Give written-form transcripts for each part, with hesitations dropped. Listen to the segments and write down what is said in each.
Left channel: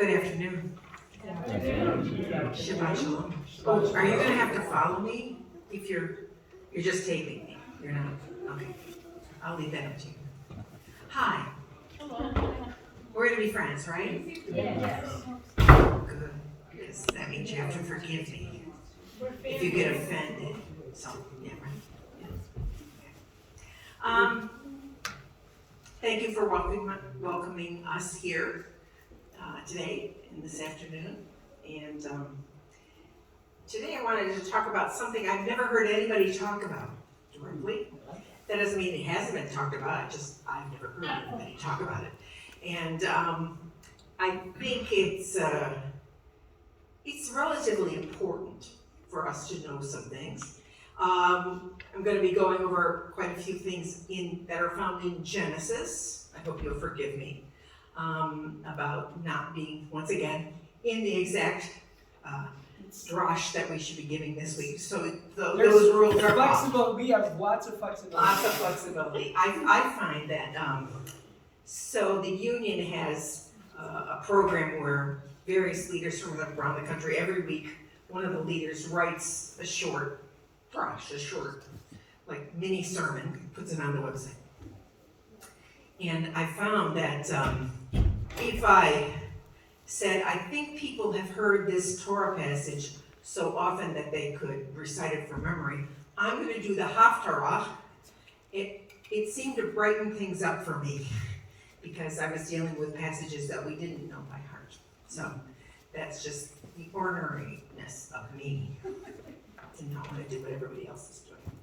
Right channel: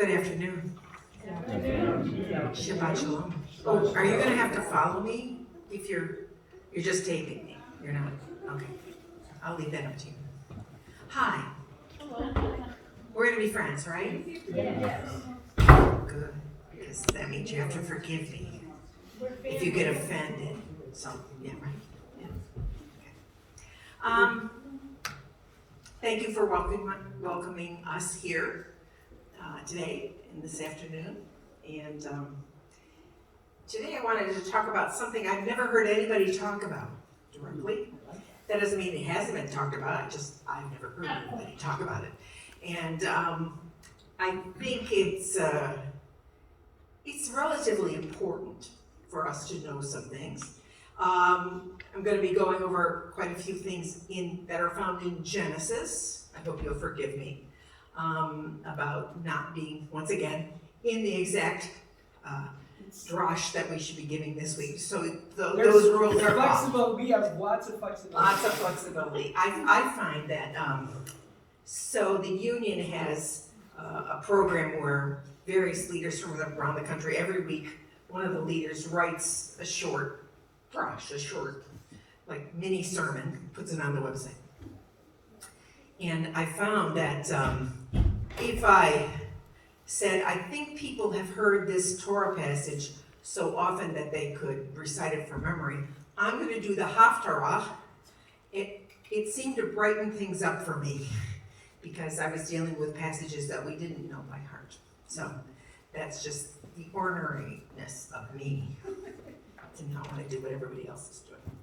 Good afternoon. Shabbat shalom. Oh, are you gonna have to follow me if you're just taping me? You're not? Okay. I'll leave that up to you. Hi. We're gonna be friends, right? Yes. Good. Because that means you have to forgive me if you get offended. So, yeah, right? Yeah. Okay. Thank you for welcoming us here today and this afternoon. And today I wanted to talk about something I've never heard anybody talk about directly. That doesn't mean it hasn't been talked about, I've never heard anybody talk about it. And I think it's relatively important for us to know some things. I'm going to be going over quite a few things that are found in Genesis. I hope you'll forgive me about not being, once again, in the exact drush that we should be giving this week. So those rules are flexible. We have lots of flexibility. Lots of flexibility. I find that so the union has a program where various leaders from around the country, every week, one of the leaders writes a short like mini sermon, puts it on the website. And I found that if I said, I think people have heard this Torah passage so often that they could recite it from memory, I'm going to do the Haftarah. It seemed to brighten things up for me because I was dealing with passages that we didn't know by heart. So that's just the orneriness of me. And not want to do what everybody else is doing.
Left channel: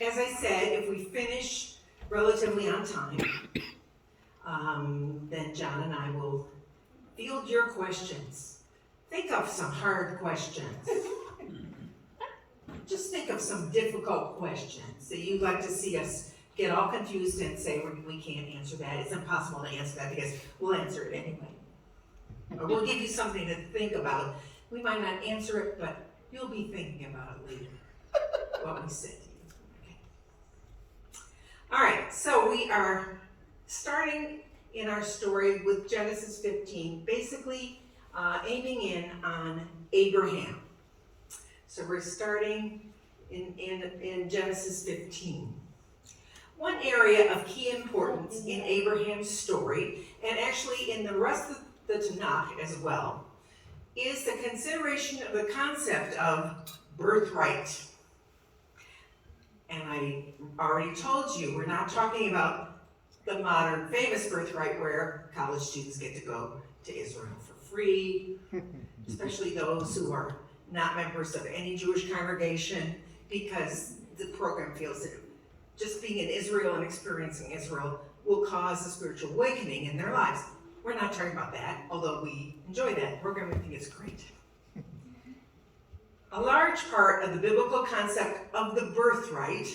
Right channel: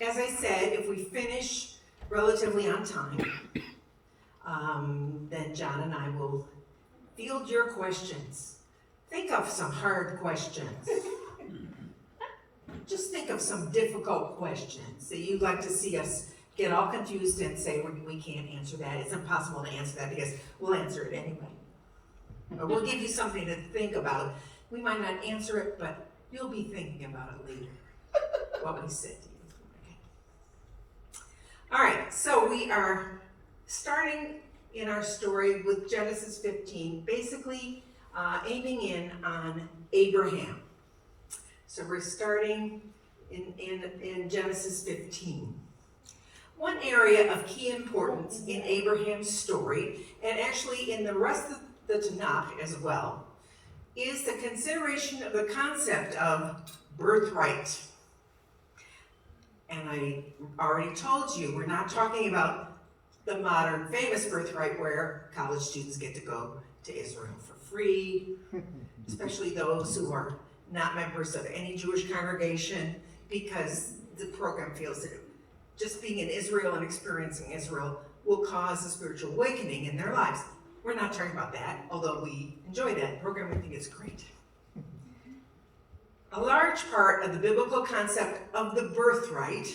As I said, if we finish relatively on time, then John and I will field your questions. Think of some hard questions. Just think of some difficult questions that you'd like to see us get all confused and say, we can't answer that. It's impossible to answer that because we'll answer it anyway. Or we'll give you something to think about. We might not answer it, but you'll be thinking about it later, what we said to you. Okay. All right, so we are starting in our story with Genesis 15, basically aiming in on Abraham. So we're starting in Genesis 15. One area of key importance in Abraham's story, and actually in the rest of the Tanakh as well, is the consideration of the concept of birthright. And I already told you, we're not talking about the modern famous birthright where college students get to go to Israel for free, especially those who are not members of any Jewish congregation, because the program feels that just being in Israel and experiencing Israel will cause a spiritual awakening in their lives. We're not talking about that, although we enjoy that program. We think it's great. A large part of the biblical concept of the birthright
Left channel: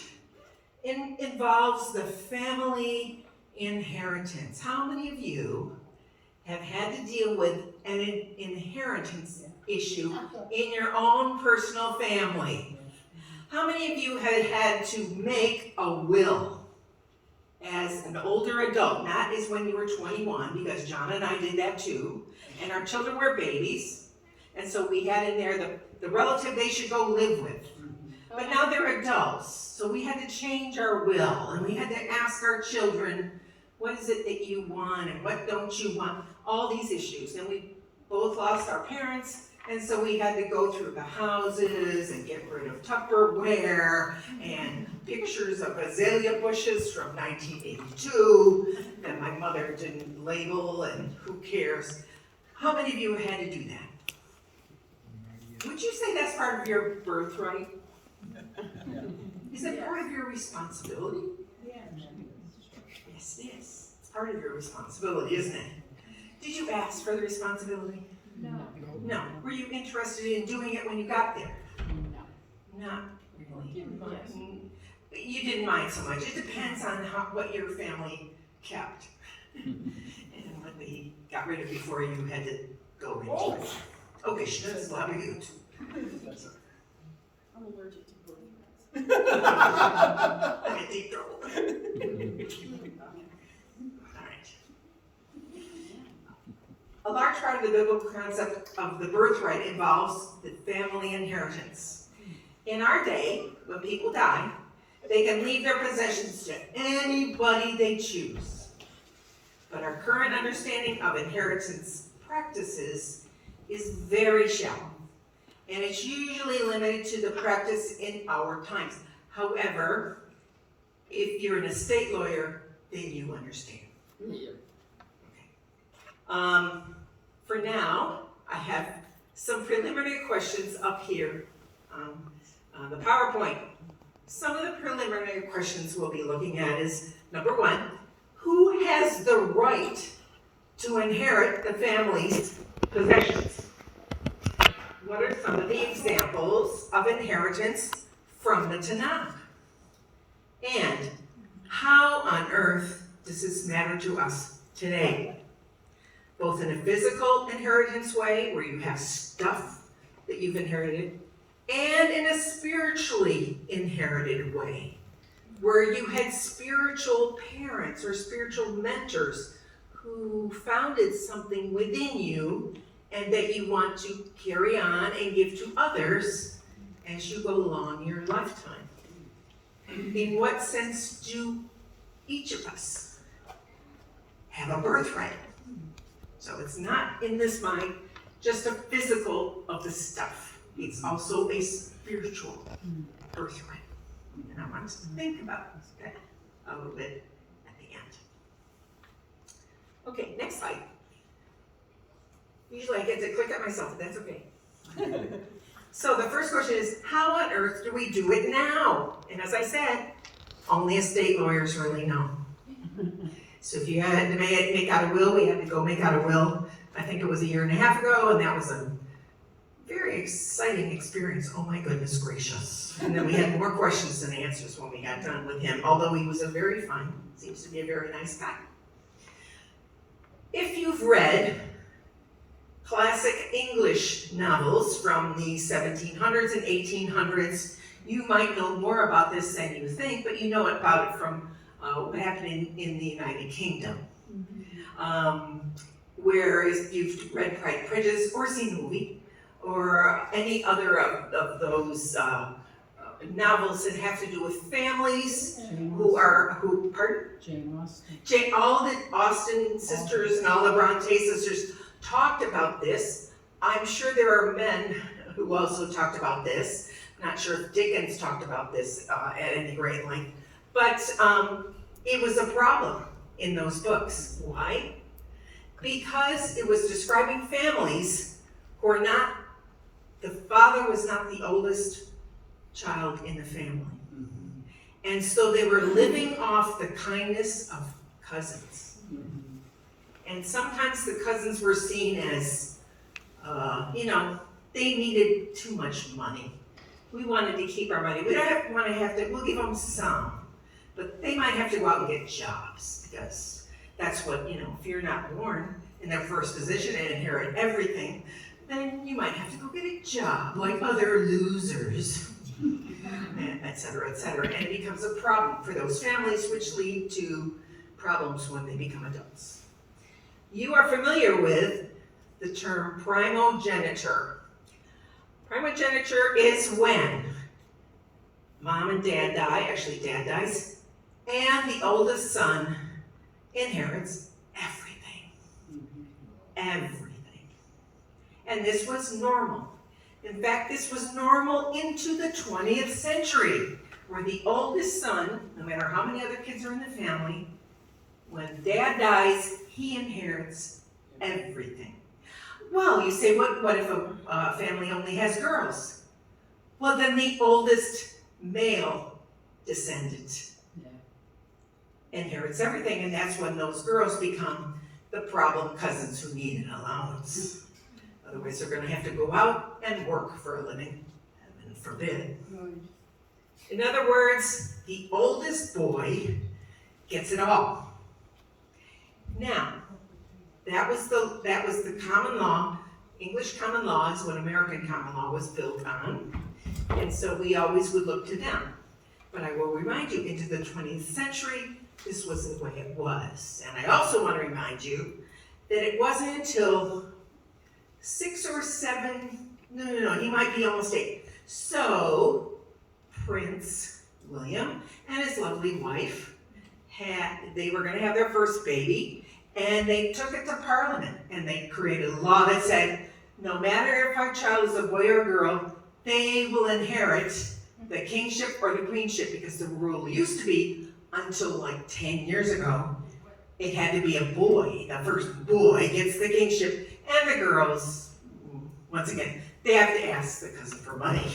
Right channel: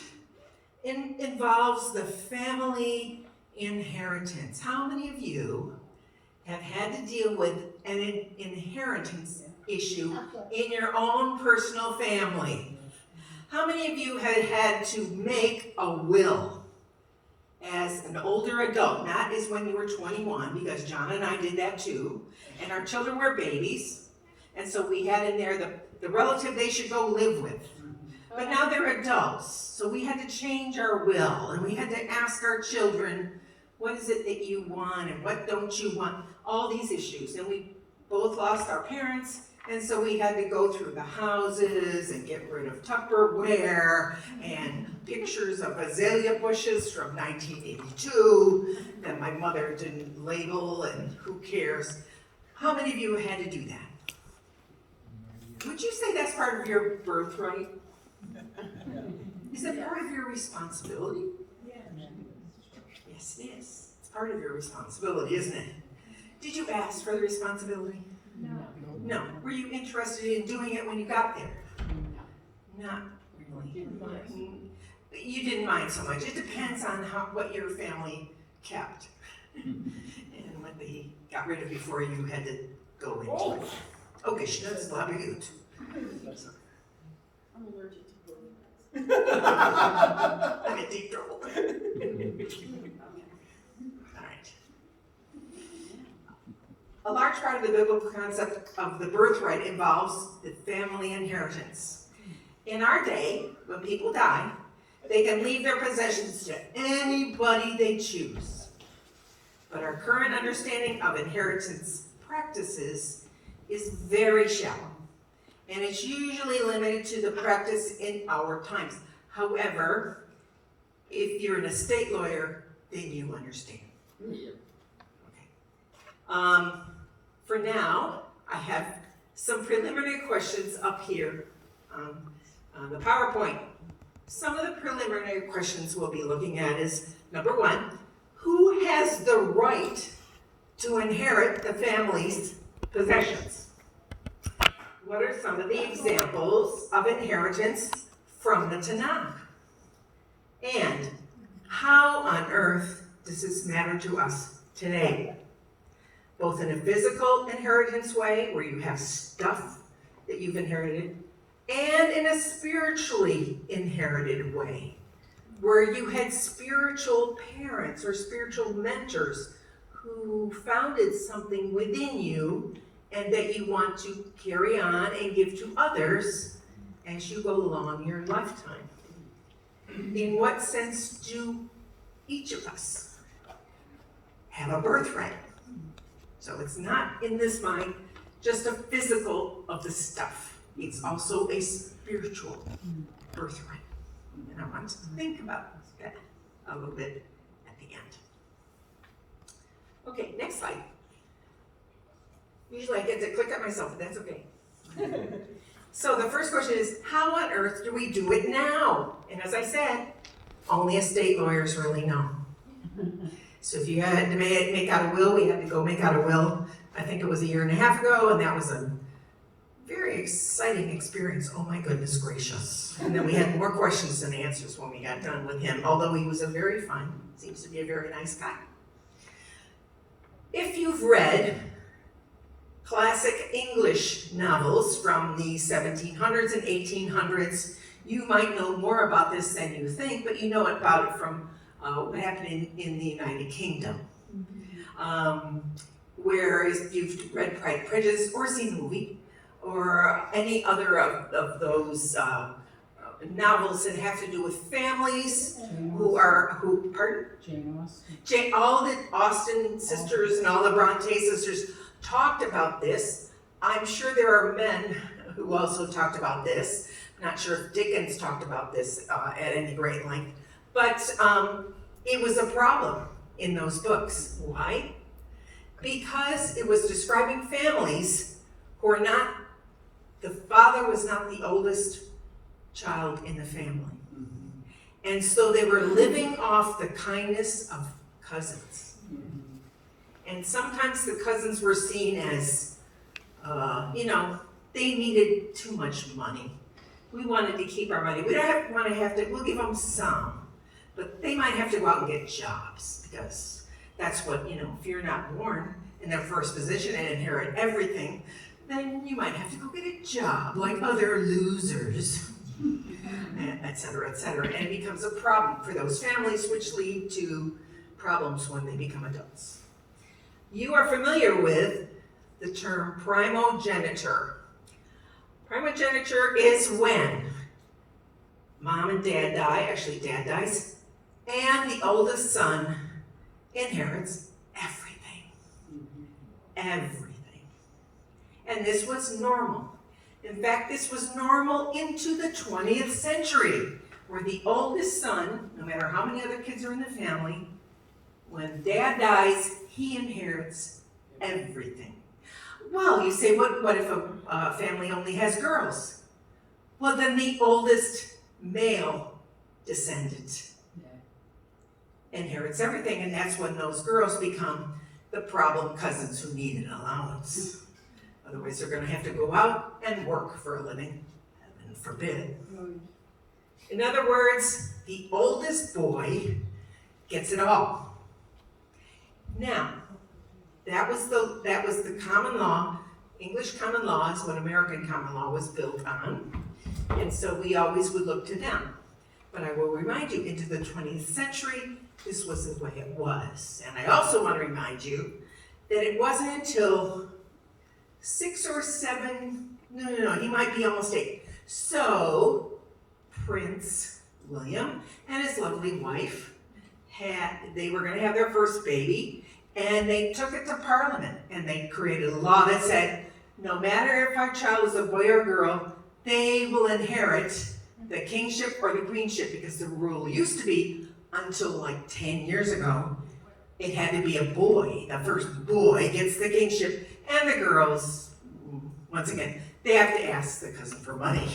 involves the family inheritance. How many of you have had to deal with an inheritance issue in your own personal family? How many of you have had to make a will as an older adult, not as when you were 21, because John and I did that too, and our children were babies, and so we had in there the relative they should go live with. But now they're adults, so we had to change our will, and we had to ask our children, what is it that you want, and what don't you want? All these issues, and we both lost our parents, and so we had to go through the houses and get rid of Tupperware and pictures of azalea bushes from 1982 that my mother didn't label, and who cares? How many of you have had to do that? Would you say that's part of your birthright? Is it part of your responsibility? Yes, it is. It's part of your responsibility, isn't it? Did you ask for the responsibility? No. Were you interested in doing it when you got there? No. Not really. You didn't mind so much. It depends on what your family kept and what they got rid of before you had to go into it. Okay, that's a lot of you. I'm allergic to bullets. I'm in deep trouble. All right. A large part of the biblical concept of the birthright involves the family inheritance. In our day, when people die, they can leave their possessions to anybody they choose. But our current understanding of inheritance practices is very shallow, and it's usually limited to the practice in our times. However, if you're an estate lawyer, then you understand. Okay. For now, I have some preliminary questions up here on the PowerPoint. Some of the preliminary questions we'll be looking at is, number one, who has the right to inherit the family's possessions? What are some of the examples of inheritance from the Tanakh? And how on earth does this matter to us today? Both in a physical inheritance way, where you have stuff that you've inherited, and in a spiritually inherited way, where you had spiritual parents or spiritual mentors who founded something within you and that you want to carry on and give to others as you go along your lifetime. In what sense do each of us have a birthright? So it's not, in this mind, just a physical of the stuff. It's also a spiritual birthright. And I want to think about that a little bit at the end. Okay, next slide. Usually I get to click on myself, but that's okay. So the first question is, how on earth do we do it now? And as I said, only estate lawyers really know. So if you had to make out a will, we had to go make out a will. I think it was 1.5 years ago, and that was a very exciting experience. Oh my goodness gracious. And then we had more questions than answers when we got done with him, although he was a very fun, seems to be a very nice guy. If you've read classic English novels from the 1700s and 1800s, you might know more about this than you think, but you know about it from what happened in the United Kingdom. Where if you've read Pride and Prejudice or seen the movie, or any other of those novels that have to do with families Jane Austen. All the Austen sisters and all the Bronte sisters talked about this. I'm sure there are men who also talked about this. I'm not sure if Dickens talked about this at any great length, but it was a problem in those books. Why? Because it was describing families who are not, the father was not the oldest child in the family. And so they were living off the kindness of cousins. And sometimes the cousins were seen as, they needed too much money. We wanted to keep our money. We don't want to have to, we'll give them some. But they might have to go out and get jobs, because that's what, if you're not born in their first position and inherit everything, then you might have to go get a job like other losers, et cetera, et cetera. And it becomes a problem for those families, which lead to problems when they become adults. You are familiar with the term primogeniture. Primogeniture is when mom and dad die, actually dad dies, and the oldest son inherits everything. Everything. And this was normal. In fact, this was normal into the 20th century, where the oldest son, no matter how many other kids are in the family, when dad dies, he inherits everything. Well, you say, what if a family only has girls? Well, then the oldest male descendant inherits everything, and that's when those girls become the problem cousins who need an allowance. Otherwise, they're going to have to go out and work for a living, heaven forbid. In other words, the oldest boy gets it all. Now, that was the common law. English common law is what American common law was built on, and so we always would look to them. But I will remind you, into the 20th century, this was the way it was. And I also want to remind you that it wasn't until 6 or 7, no, he might be almost 8. So, Prince William and his lovely wife they were going to have their first baby, and they took it to Parliament, and they created a law that said, no matter if our child is a boy or a girl, they will inherit the kingship or the queenship, because the rule used to be, until like 10 years ago, it had to be a boy. The first boy gets the kingship, and the girls, once again, they have to ask the cousin for money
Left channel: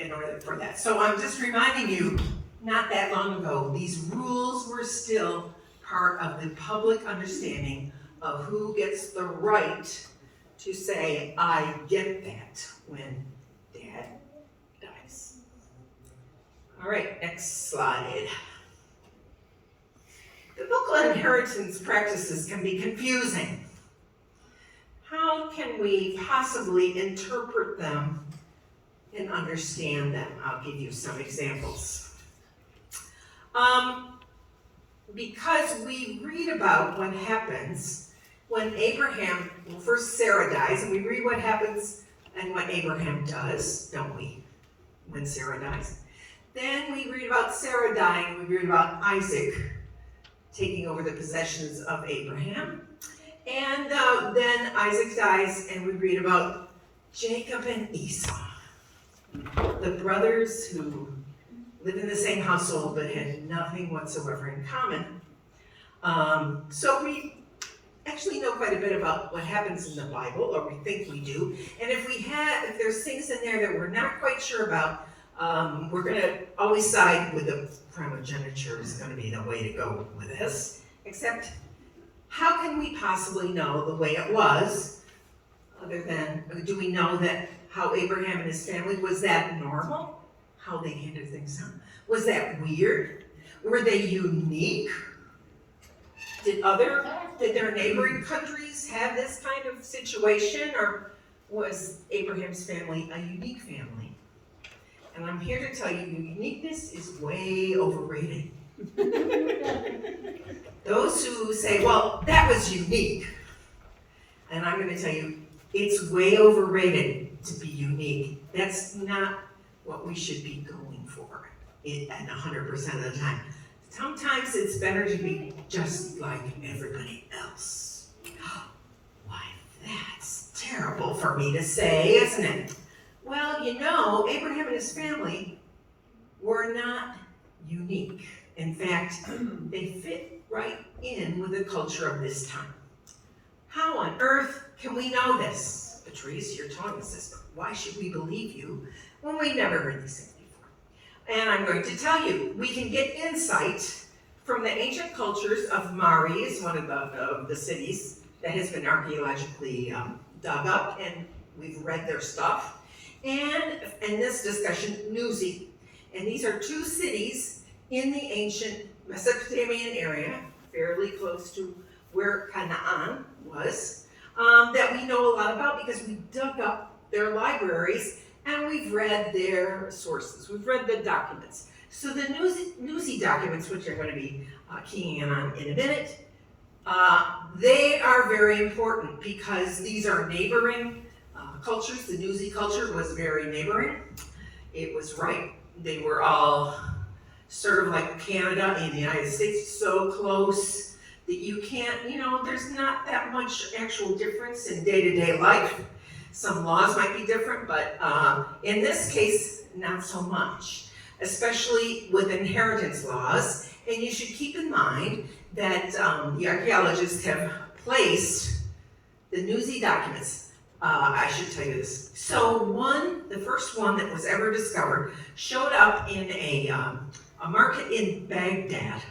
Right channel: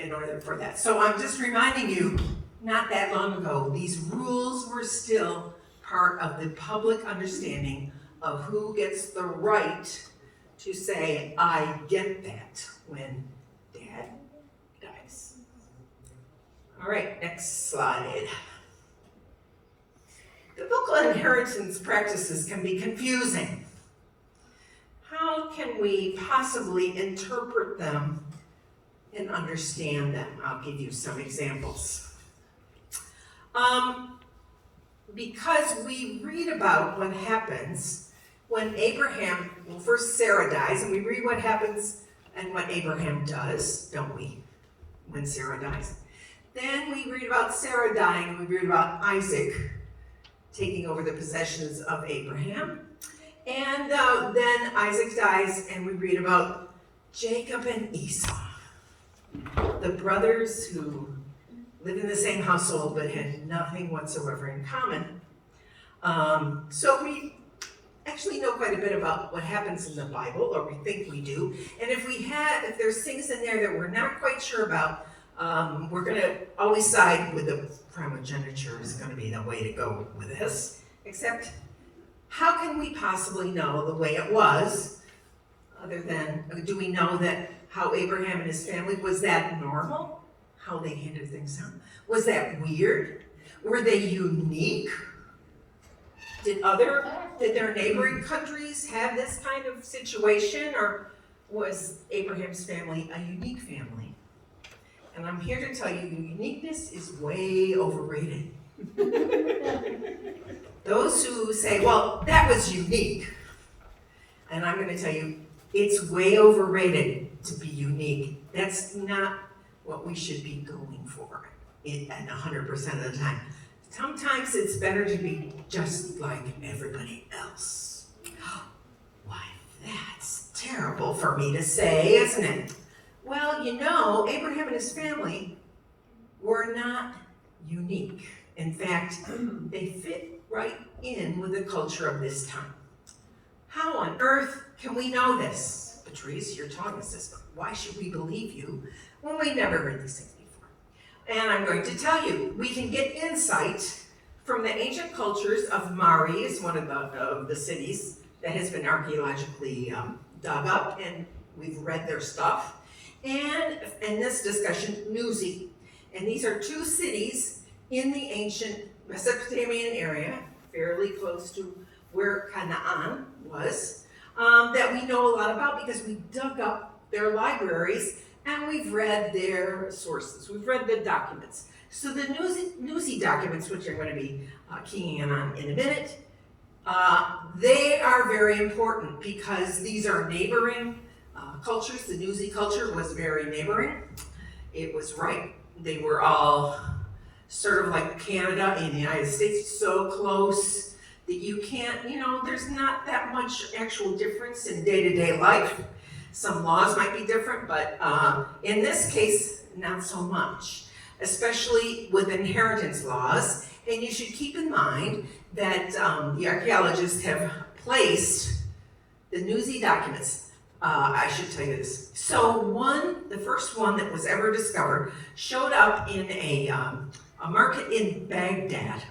in order for that. So I'm just reminding you, not that long ago, these rules were still part of the public understanding of who gets the right to say, I get that, when Dad dies. All right, next slide. Biblical inheritance practices can be confusing. How can we possibly interpret them and understand them? I'll give you some examples. Because we read about what happens when Abraham, well, first Sarah dies, and we read what happens and what Abraham does, don't we, when Sarah dies? Then we read about Sarah dying, and we read about Isaac taking over the possessions of Abraham. And then Isaac dies, and we read about Jacob and Esau, the brothers who lived in the same household but had nothing whatsoever in common. So we actually know quite a bit about what happens in the Bible, or we think we do. And if there's things in there that we're not quite sure about, we're going to always side with the primogeniture is going to be the way to go with this. Except, how can we possibly know the way it was, other than, do we know that how Abraham and his family, was that normal? How they handled things out? Was that weird? Were they unique? Did their neighboring countries have this kind of situation, or was Abraham's family a unique family? And I'm here to tell you, uniqueness is way overrated. Those who say, well, that was unique, and I'm going to tell you, it's way overrated to be unique. That's not what we should be going for at 100% of the time. Sometimes it's better to be just like everybody else. Why, that's terrible for me to say, isn't it? Well, you know, Abraham and his family were not unique. In fact, they fit right in with the culture of this time. How on earth can we know this? Patrice, you're telling us this, but why should we believe you when we never heard these things before? And I'm going to tell you, we can get insight from the ancient cultures of Mari, is one of the cities that has been archaeologically dug up, and we've read their stuff. And in this discussion, Nuzi. And these are two cities in the ancient Mesopotamian area, fairly close to where Canaan was, that we know a lot about because we dug up their libraries and we've read their sources. We've read the documents. So the Nuzi documents, which I'm going to be keying in on in a minute, they are very important because these are neighboring cultures. The Nuzi culture was very neighboring. It was right. They were all sort of like Canada and the United States, so close that you can't, there's not that much actual difference in day-to-day life. Some laws might be different, but in this case, not so much, especially with inheritance laws. And you should keep in mind that the archaeologists have placed the Nuzi documents. I should tell you this. So the first one that was ever discovered showed up in a market in Baghdad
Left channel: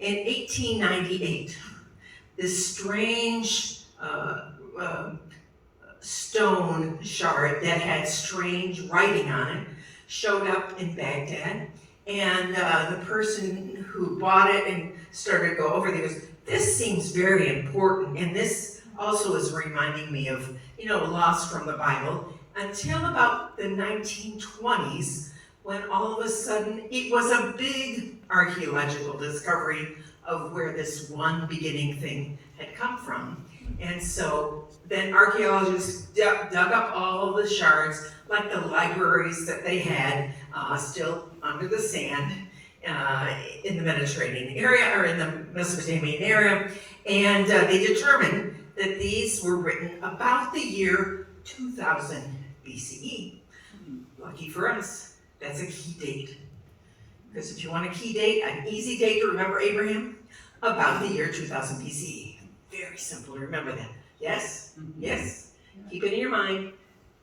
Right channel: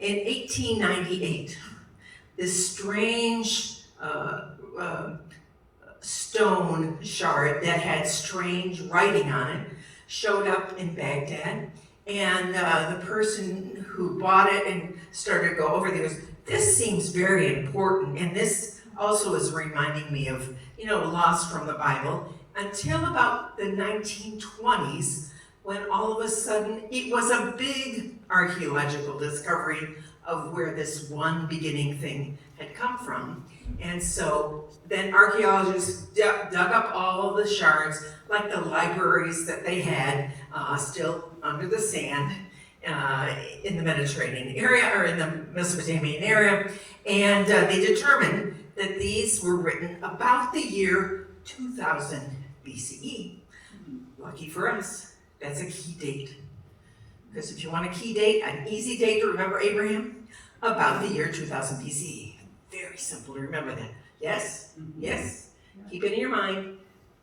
in 1898. This strange stone shard that had strange writing on it showed up in Baghdad, and the person who bought it and started to go over there goes, this seems very important, and this also is reminding me of, laws from the Bible, until about the 1920s, when all of a sudden it was a big archaeological discovery of where this one beginning thing had come from. And so then archaeologists dug up all of the shards, like the libraries that they had still under the sand in the Mediterranean area, or in the Mesopotamian area, and they determined that these were written about the year 2000 BCE. Lucky for us, that's a key date. Because if you want a key date, an easy date to remember Abraham, about the year 2000 BCE. Very simple to remember that. Yes? Yes? Keep it in your mind.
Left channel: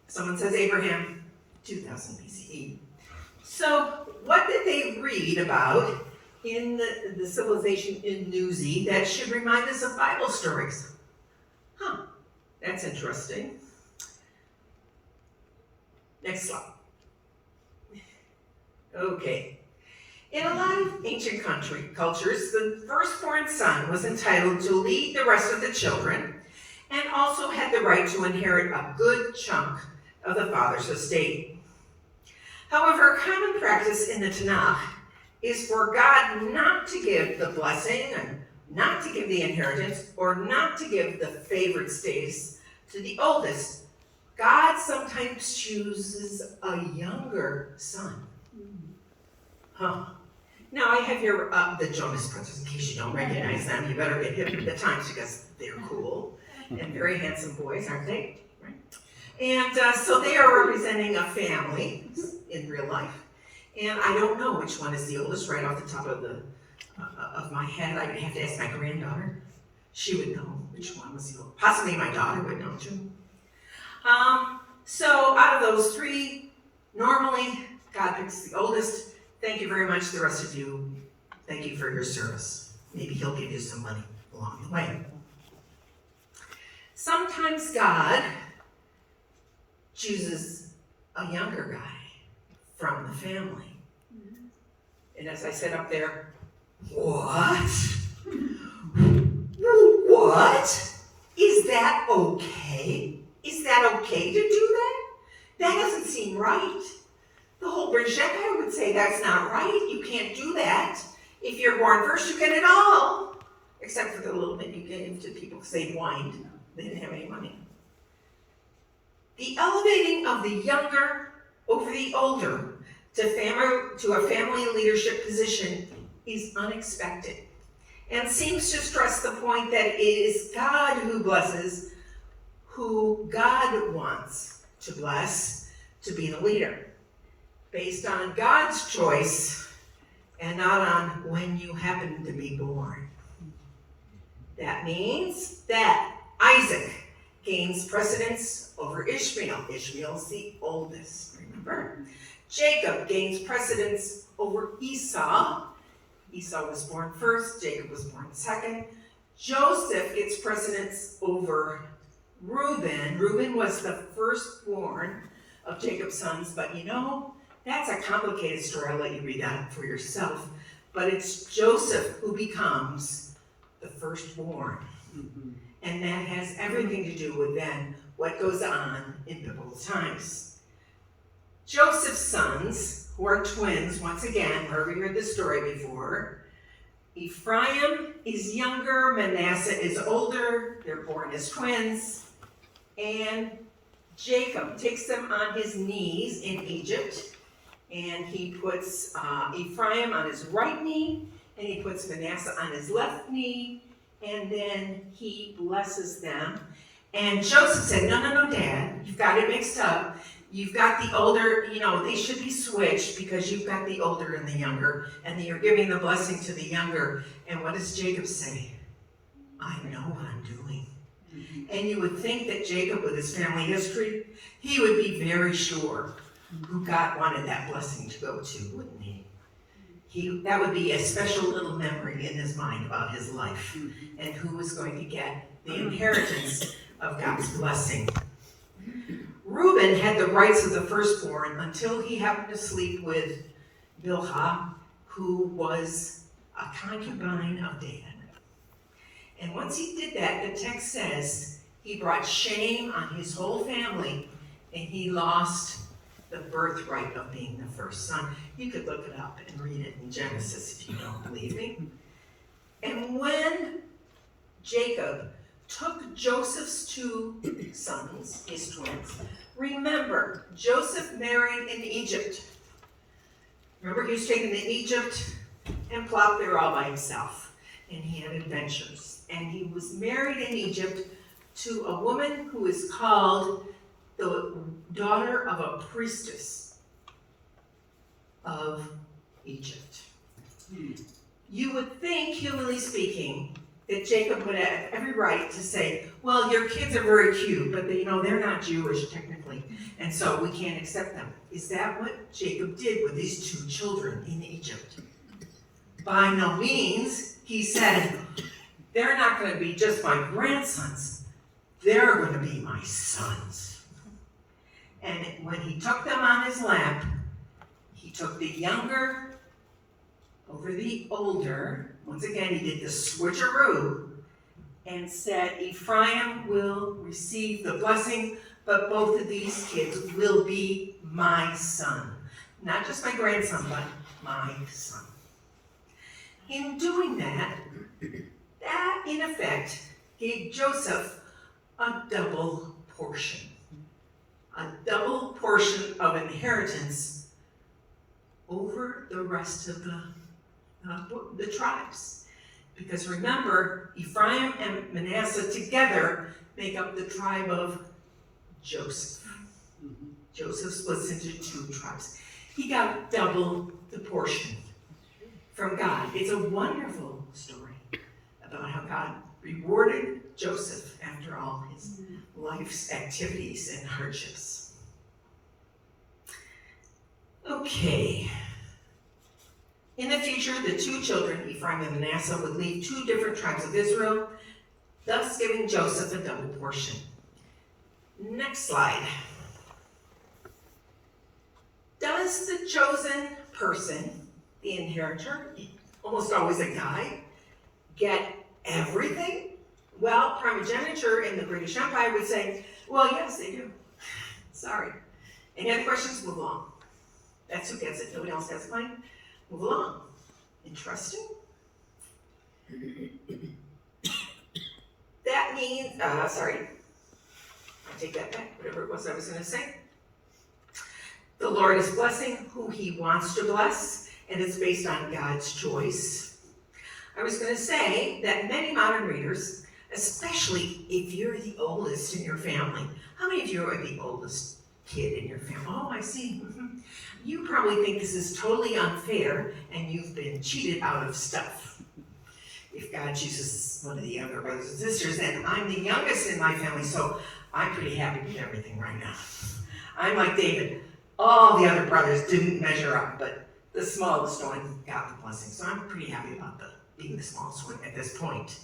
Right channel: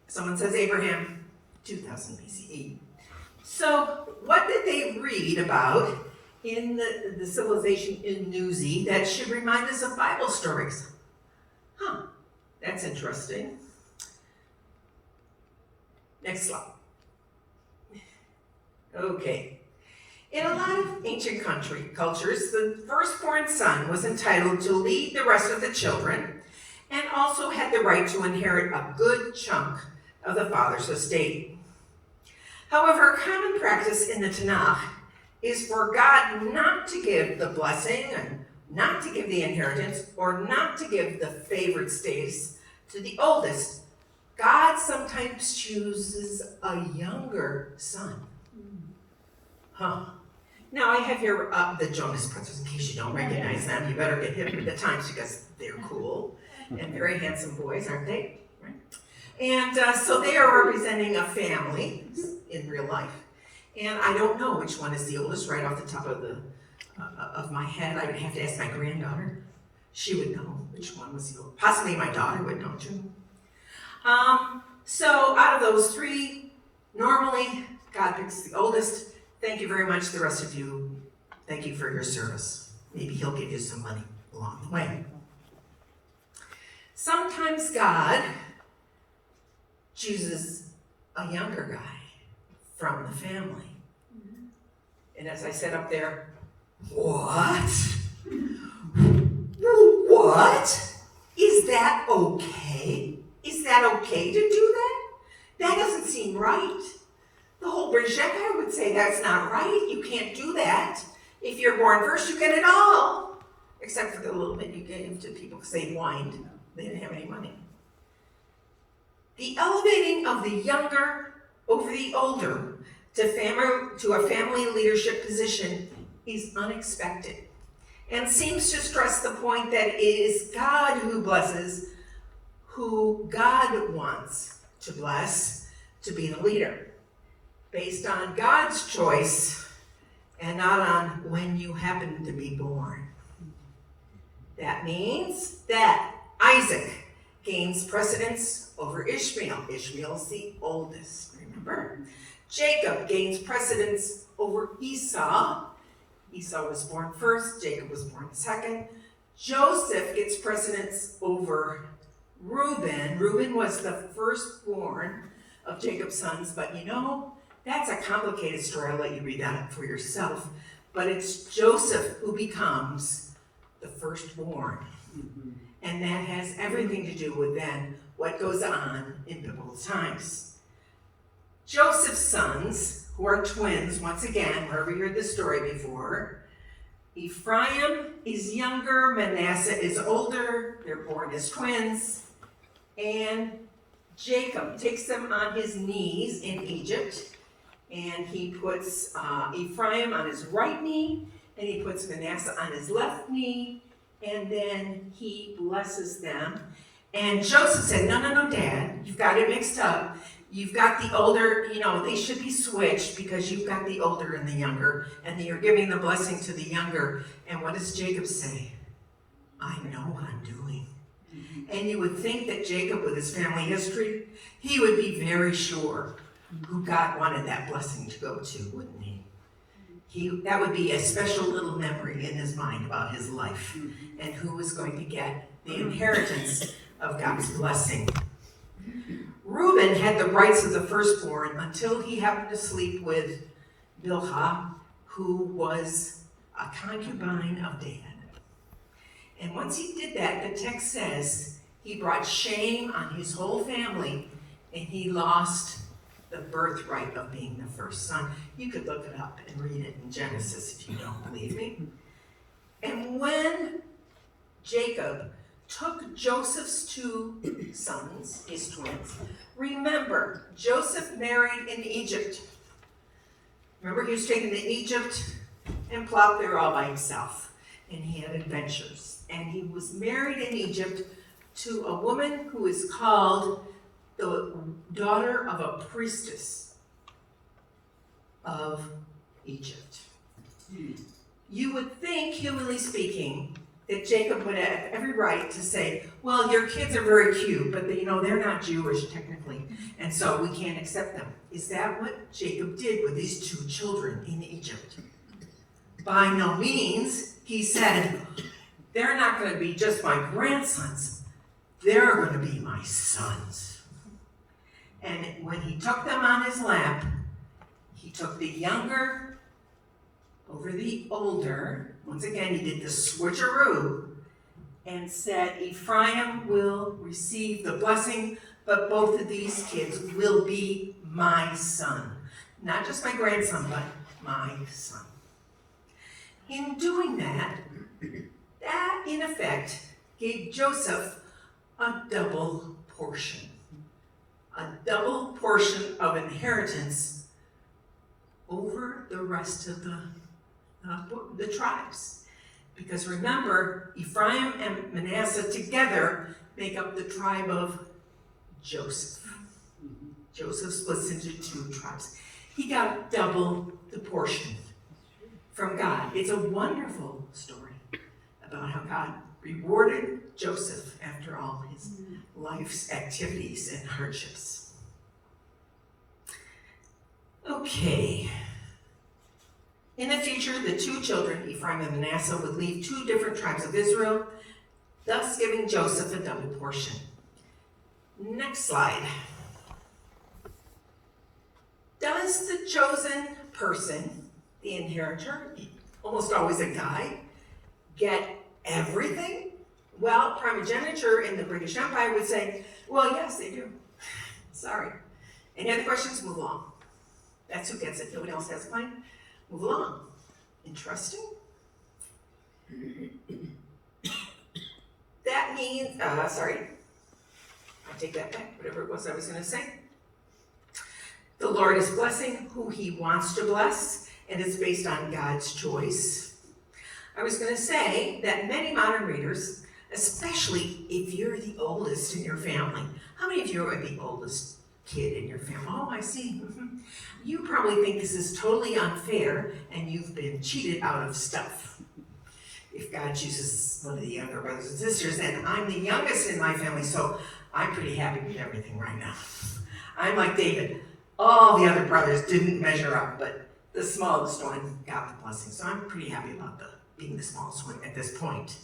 Someone says Abraham, 2000 BCE. So, what did they read about in the civilization in Nuzi that should remind us of Bible stories? Huh, that's interesting. Next slide. Okay. In a lot of ancient cultures, the firstborn son was entitled to lead the rest of the children and also had the right to inherit a good chunk of the father's estate. However, a common practice in the Tanakh is for God not to give the blessing and not to give the inheritance or not to give the favored status to the oldest. God sometimes chooses a younger son. Huh. Now I have here the Jonas Brothers. In case you don't recognize them, you better get hip to the times because they're cool and very handsome boys, aren't they? Right? And so they are representing a family in real life. And I don't know which one is the oldest right off the top of my head. I would have to ask my granddaughter. She would know which one was the oldest. Possibly my daughter would know too. So out of those three, normally God picks the oldest. Thank you very much, the rest of you. Thank you for your service. Maybe he'll give you some money along the way. Sometimes God chooses a younger guy from the family. And as I said up there, what? What? Is that okay? Is that okay to do that? That doesn't seem right. The whole British Empire would say that's not right. You can't do that. If you're born first, you get it all. Except for the little bit you gave to people because they whined. They didn't have any money. The elevating of the younger over the older to a family leadership position is unexpected and seems to stress the point that it is God who blesses who God wants to bless to be the leader, based on God's choice and not on when you happen to be born. That means that Isaac gains precedence over Ishmael. Ishmael's the oldest, remember? Jacob gains precedence over Esau. Esau was born first, Jacob was born second. Joseph gets precedence over Reuben. Reuben was the firstborn of Jacob's sons, but you know, that's a complicated story. I'll let you read that for yourself. But it's Joseph who becomes the firstborn. Mm-hmm. And that has everything to do with then what goes on in biblical times. Joseph's sons, who are twins, once again, wherever you heard this story before, Ephraim is younger, Manasseh is older, they're born as twins, and Jacob takes them on his knees in Egypt, and he puts Ephraim on his right knee, and he puts Manasseh on his left knee, and then he blesses them. And Joseph said, no, Dad, you've got it mixed up. You've got the older, they should be switched because you've got the older and the younger, and you're giving the blessing to the younger. And what does Jacob say? I know what I'm doing. Mm-hmm. And you would think that Jacob, with his family history, he would be very sure who God wanted that blessing to go to, wouldn't he? That would be a special little memory in his mind about his life and who was going to get the inheritance of God's blessing. Reuben had the rights of the firstborn until he happened to sleep with Bilhah, who was a concubine of David. And once he did that, the text says he brought shame on his whole family and he lost the birthright of being the first son. You could look it up and read it in Genesis if you don't believe me. And when Jacob took Joseph's two sons, his twins, remember, Joseph married in Egypt. Remember, he was taken to Egypt and plopped there all by himself. And he had adventures. And he was married in Egypt to a woman who is called the daughter of a priestess of Egypt. You would think, humanly speaking, that Jacob would have every right to say, well, your kids are very cute, but they're not Jewish technically, and so we can't accept them. Is that what Jacob did with these two children in Egypt? By no means. He said, they're not going to be just my grandsons, they're going to be my sons. And when he took them on his lap, he took the younger over the older. Once again, he did the switcheroo and said, Ephraim will receive the blessing, but both of these kids will be my son. Not just my grandson, but my son. In doing that, that in effect gave Joseph a double portion. A double portion of inheritance over the rest of the tribes. Because remember, Ephraim and Manasseh together make up the tribe of Joseph. Joseph splits into two tribes. He got double the portion from God. It's a wonderful story about how God rewarded Joseph after all his life's activities and hardships. Okay. In the future, the two children, Ephraim and Manasseh, would lead two different tribes of Israel, thus giving Joseph a double portion. Next slide. Does the chosen person, the inheritor, almost always a guy, get everything? Well, primogeniture in the British Empire would say, well, yes, they do. Sorry. Any other questions? Move along. That's who gets it. Nobody else has a claim? Move along. Interesting. That means, sorry. I'll take that back, whatever it was I was going to say. The Lord is blessing who he wants to bless, and it's based on God's choice. I was going to say that many modern readers, especially if you're the oldest in your family, how many of you are the oldest kid in your family? Oh, I see. You probably think this is totally unfair and you've been cheated out of stuff. If God chooses one of the younger brothers and sisters, and I'm the youngest in my family, so I'm pretty happy with everything right now. I'm like David. All the other brothers didn't measure up, but the smallest one got the blessing. So I'm pretty happy about being the smallest one at this point.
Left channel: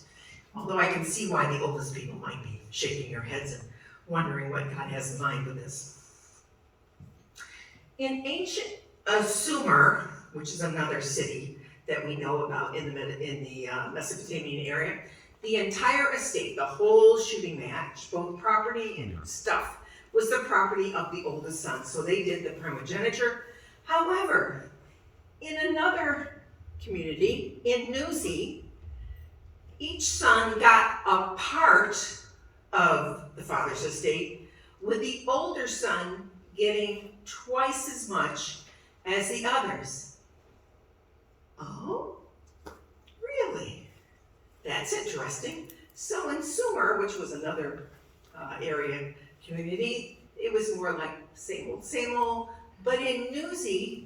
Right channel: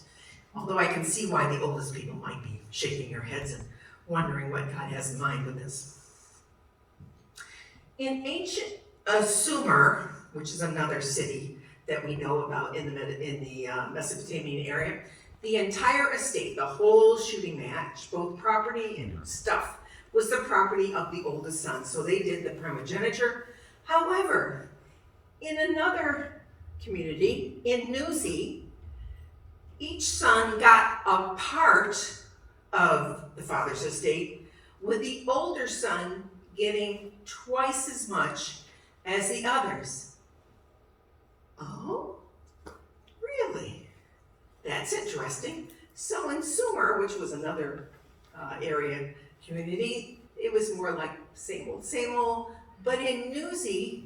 Although I can see why the oldest people might be shaking their heads and wondering what God has in mind with this. In ancient Sumer, which is another city that we know about in the Mesopotamian area, the entire estate, the whole shooting match, both property and stuff, was the property of the oldest son. So they did the primogeniture. However, in another community, in Nuzi, each son got a part of the father's estate, with the older son getting twice as much as the others. Oh, really? That's interesting. So in Sumer, which was another area community, it was more like same old. But in Nuzi,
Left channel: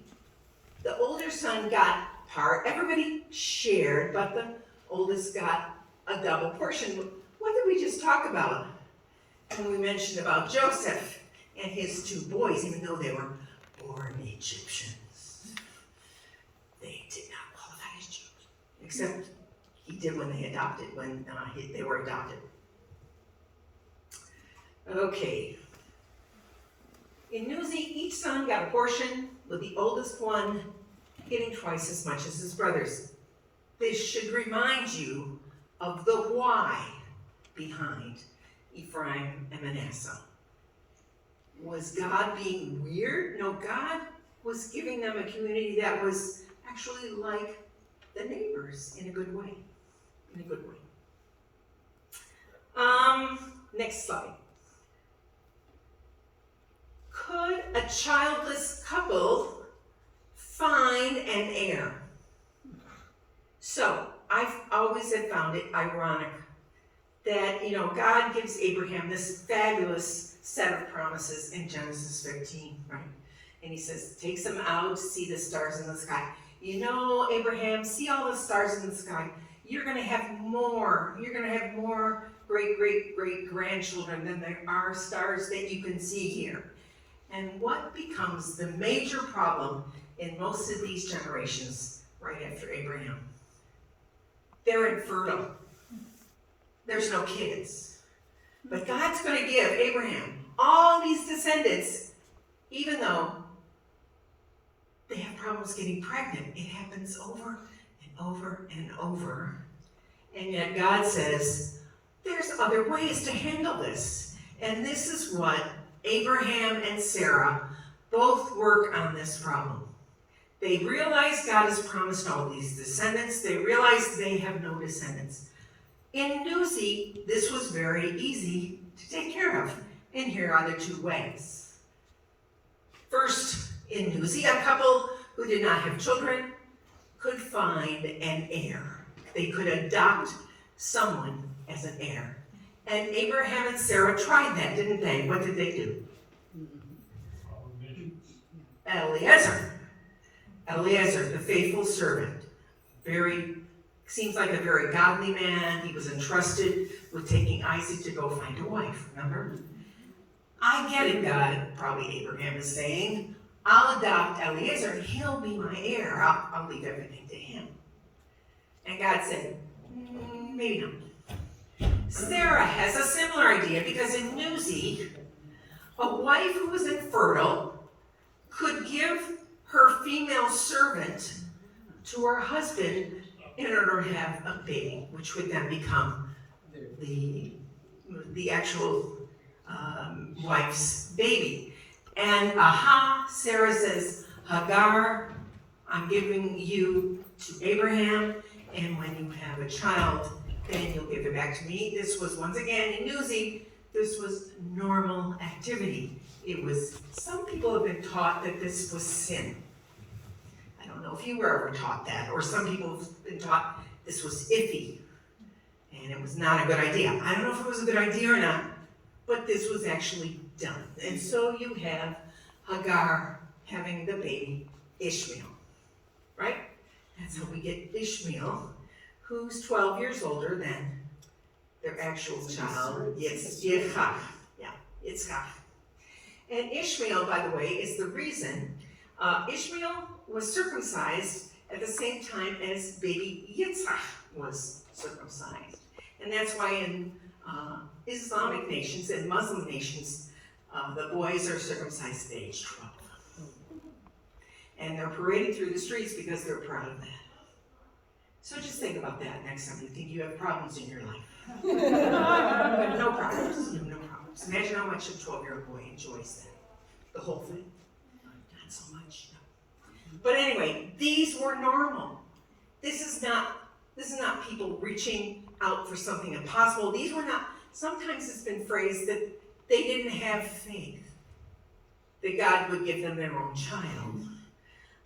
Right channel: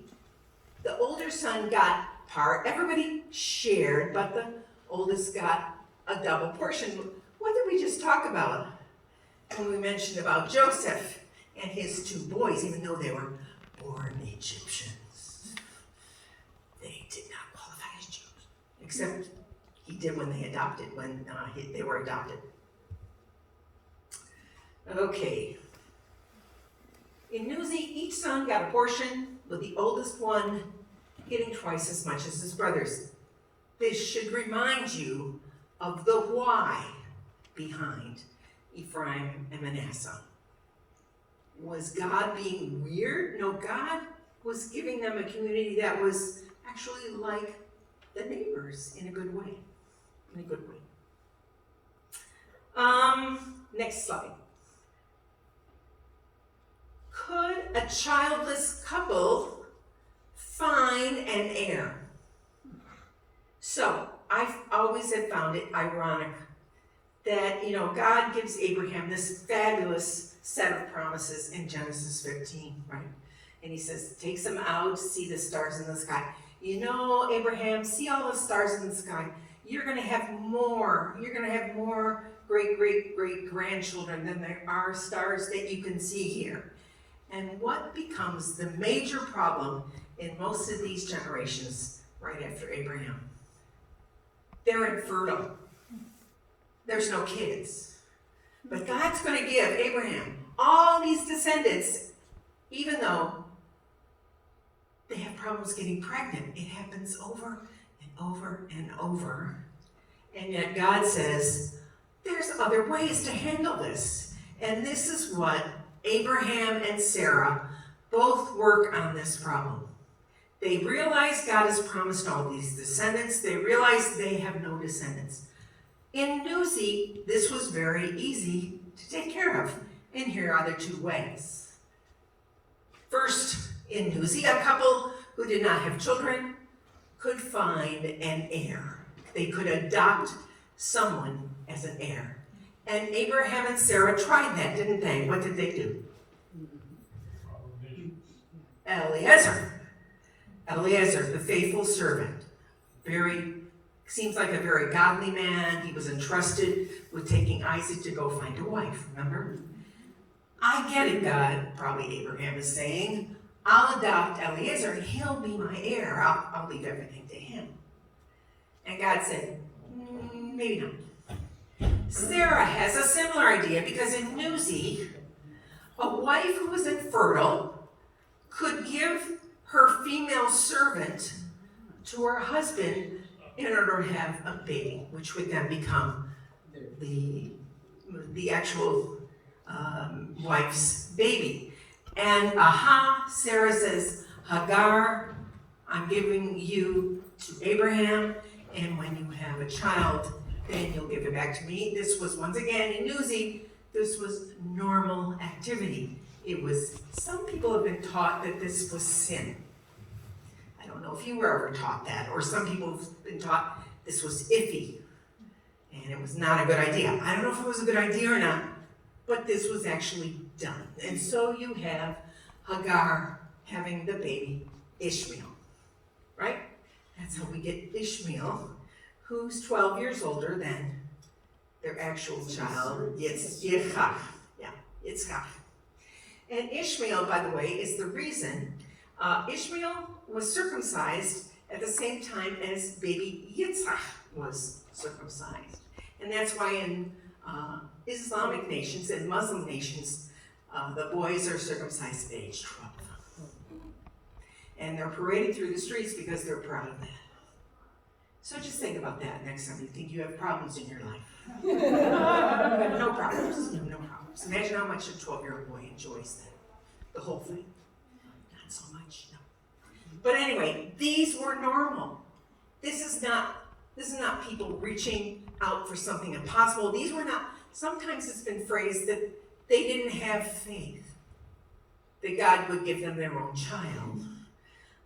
the older son got part. Everybody shared, but the oldest got a double portion. What did we just talk about when we mentioned about Joseph and his two boys, even though they were born Egyptians? They did not qualify as Jews, except he did when they were adopted. Okay. In Nuzi, each son got a portion, with the oldest one getting twice as much as his brothers. This should remind you of the why behind Ephraim and Manasseh. Was God being weird? No, God was giving them a community that was actually like the neighbors in a good way. In a good way. Next slide. Could a childless couple find an heir? So, I've always have found it ironic that, God gives Abraham this fabulous set of promises in Genesis 15, right? And he says, takes him out to see the stars in the sky. Abraham, see all the stars in the sky. You're going to have more. You're going to have more great-great-great-grandchildren than there are stars that you can see here. And what becomes the major problem in most of these generations right after Abraham? They're infertile. There's no kids. But God's going to give Abraham all these descendants, even though they have problems getting pregnant. It happens over and over and over. And yet God says, there's other ways to handle this. And this is what Abraham and Sarah both work on this problem. They realize God has promised all these descendants. They realize they have no descendants. In Newsy, this was very easy to take care of. And here are the two ways. First, in Newsy, a couple who did not have children could find an heir. They could adopt someone as an heir. And Abraham and Sarah tried that, didn't they? What did they do? Eliezer, the faithful servant. Seems like a very godly man. He was entrusted with taking Isaac to go find a wife, remember? I get it, God, probably Abraham is saying. I'll adopt Eliezer and he'll be my heir. I'll leave everything to him. And God said, maybe not. Sarah has a similar idea because in Newsy, a wife who was infertile could give her female servant to her husband in order to have a baby, which would then become the actual wife's baby. And Sarah says, Hagar, I'm giving you to Abraham, and when you have a child, then you'll give it back to me. This was, once again, in Newsy, this was normal activity. Some people have been taught that this was sin. I don't know if you were ever taught that, or some people have been taught this was iffy, and it was not a good idea. I don't know if it was a good idea or not, but this was actually done. And so you have Hagar having the baby Ishmael, right? That's how we get Ishmael, who's 12 years older than their actual child, Yitzchak. Yeah, Yitzchak. And Ishmael, by the way, is the reason Ishmael was circumcised at the same time as baby Yitzchak was circumcised. And that's why in Islamic nations and Muslim nations, the boys are circumcised at age 12. And they're paraded through the streets because they're proud of that. So just think about that next time you think you have problems in your life. You have no problems. You have no problems. Imagine how much a 12-year-old boy enjoys that. The whole thing. Not so much, no. But anyway, these were normal. This is not people reaching out for something impossible. These were not, sometimes it's been phrased that they didn't have faith that God would give them their own child.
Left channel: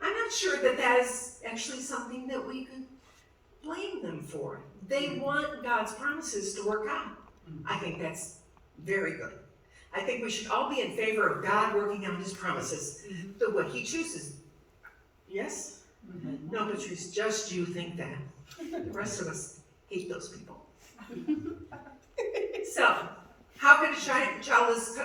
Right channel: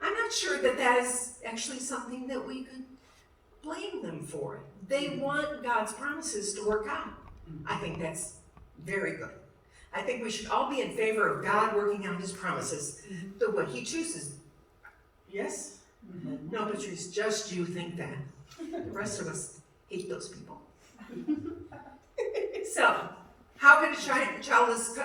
I'm not sure that that is actually something that we could blame them for. They want God's promises to work out. I think that's very good. I think we should all be in favor of God working out his promises the way he chooses. Yes? No, Patrice, just you think that. The rest of us hate those people. So, how can a childless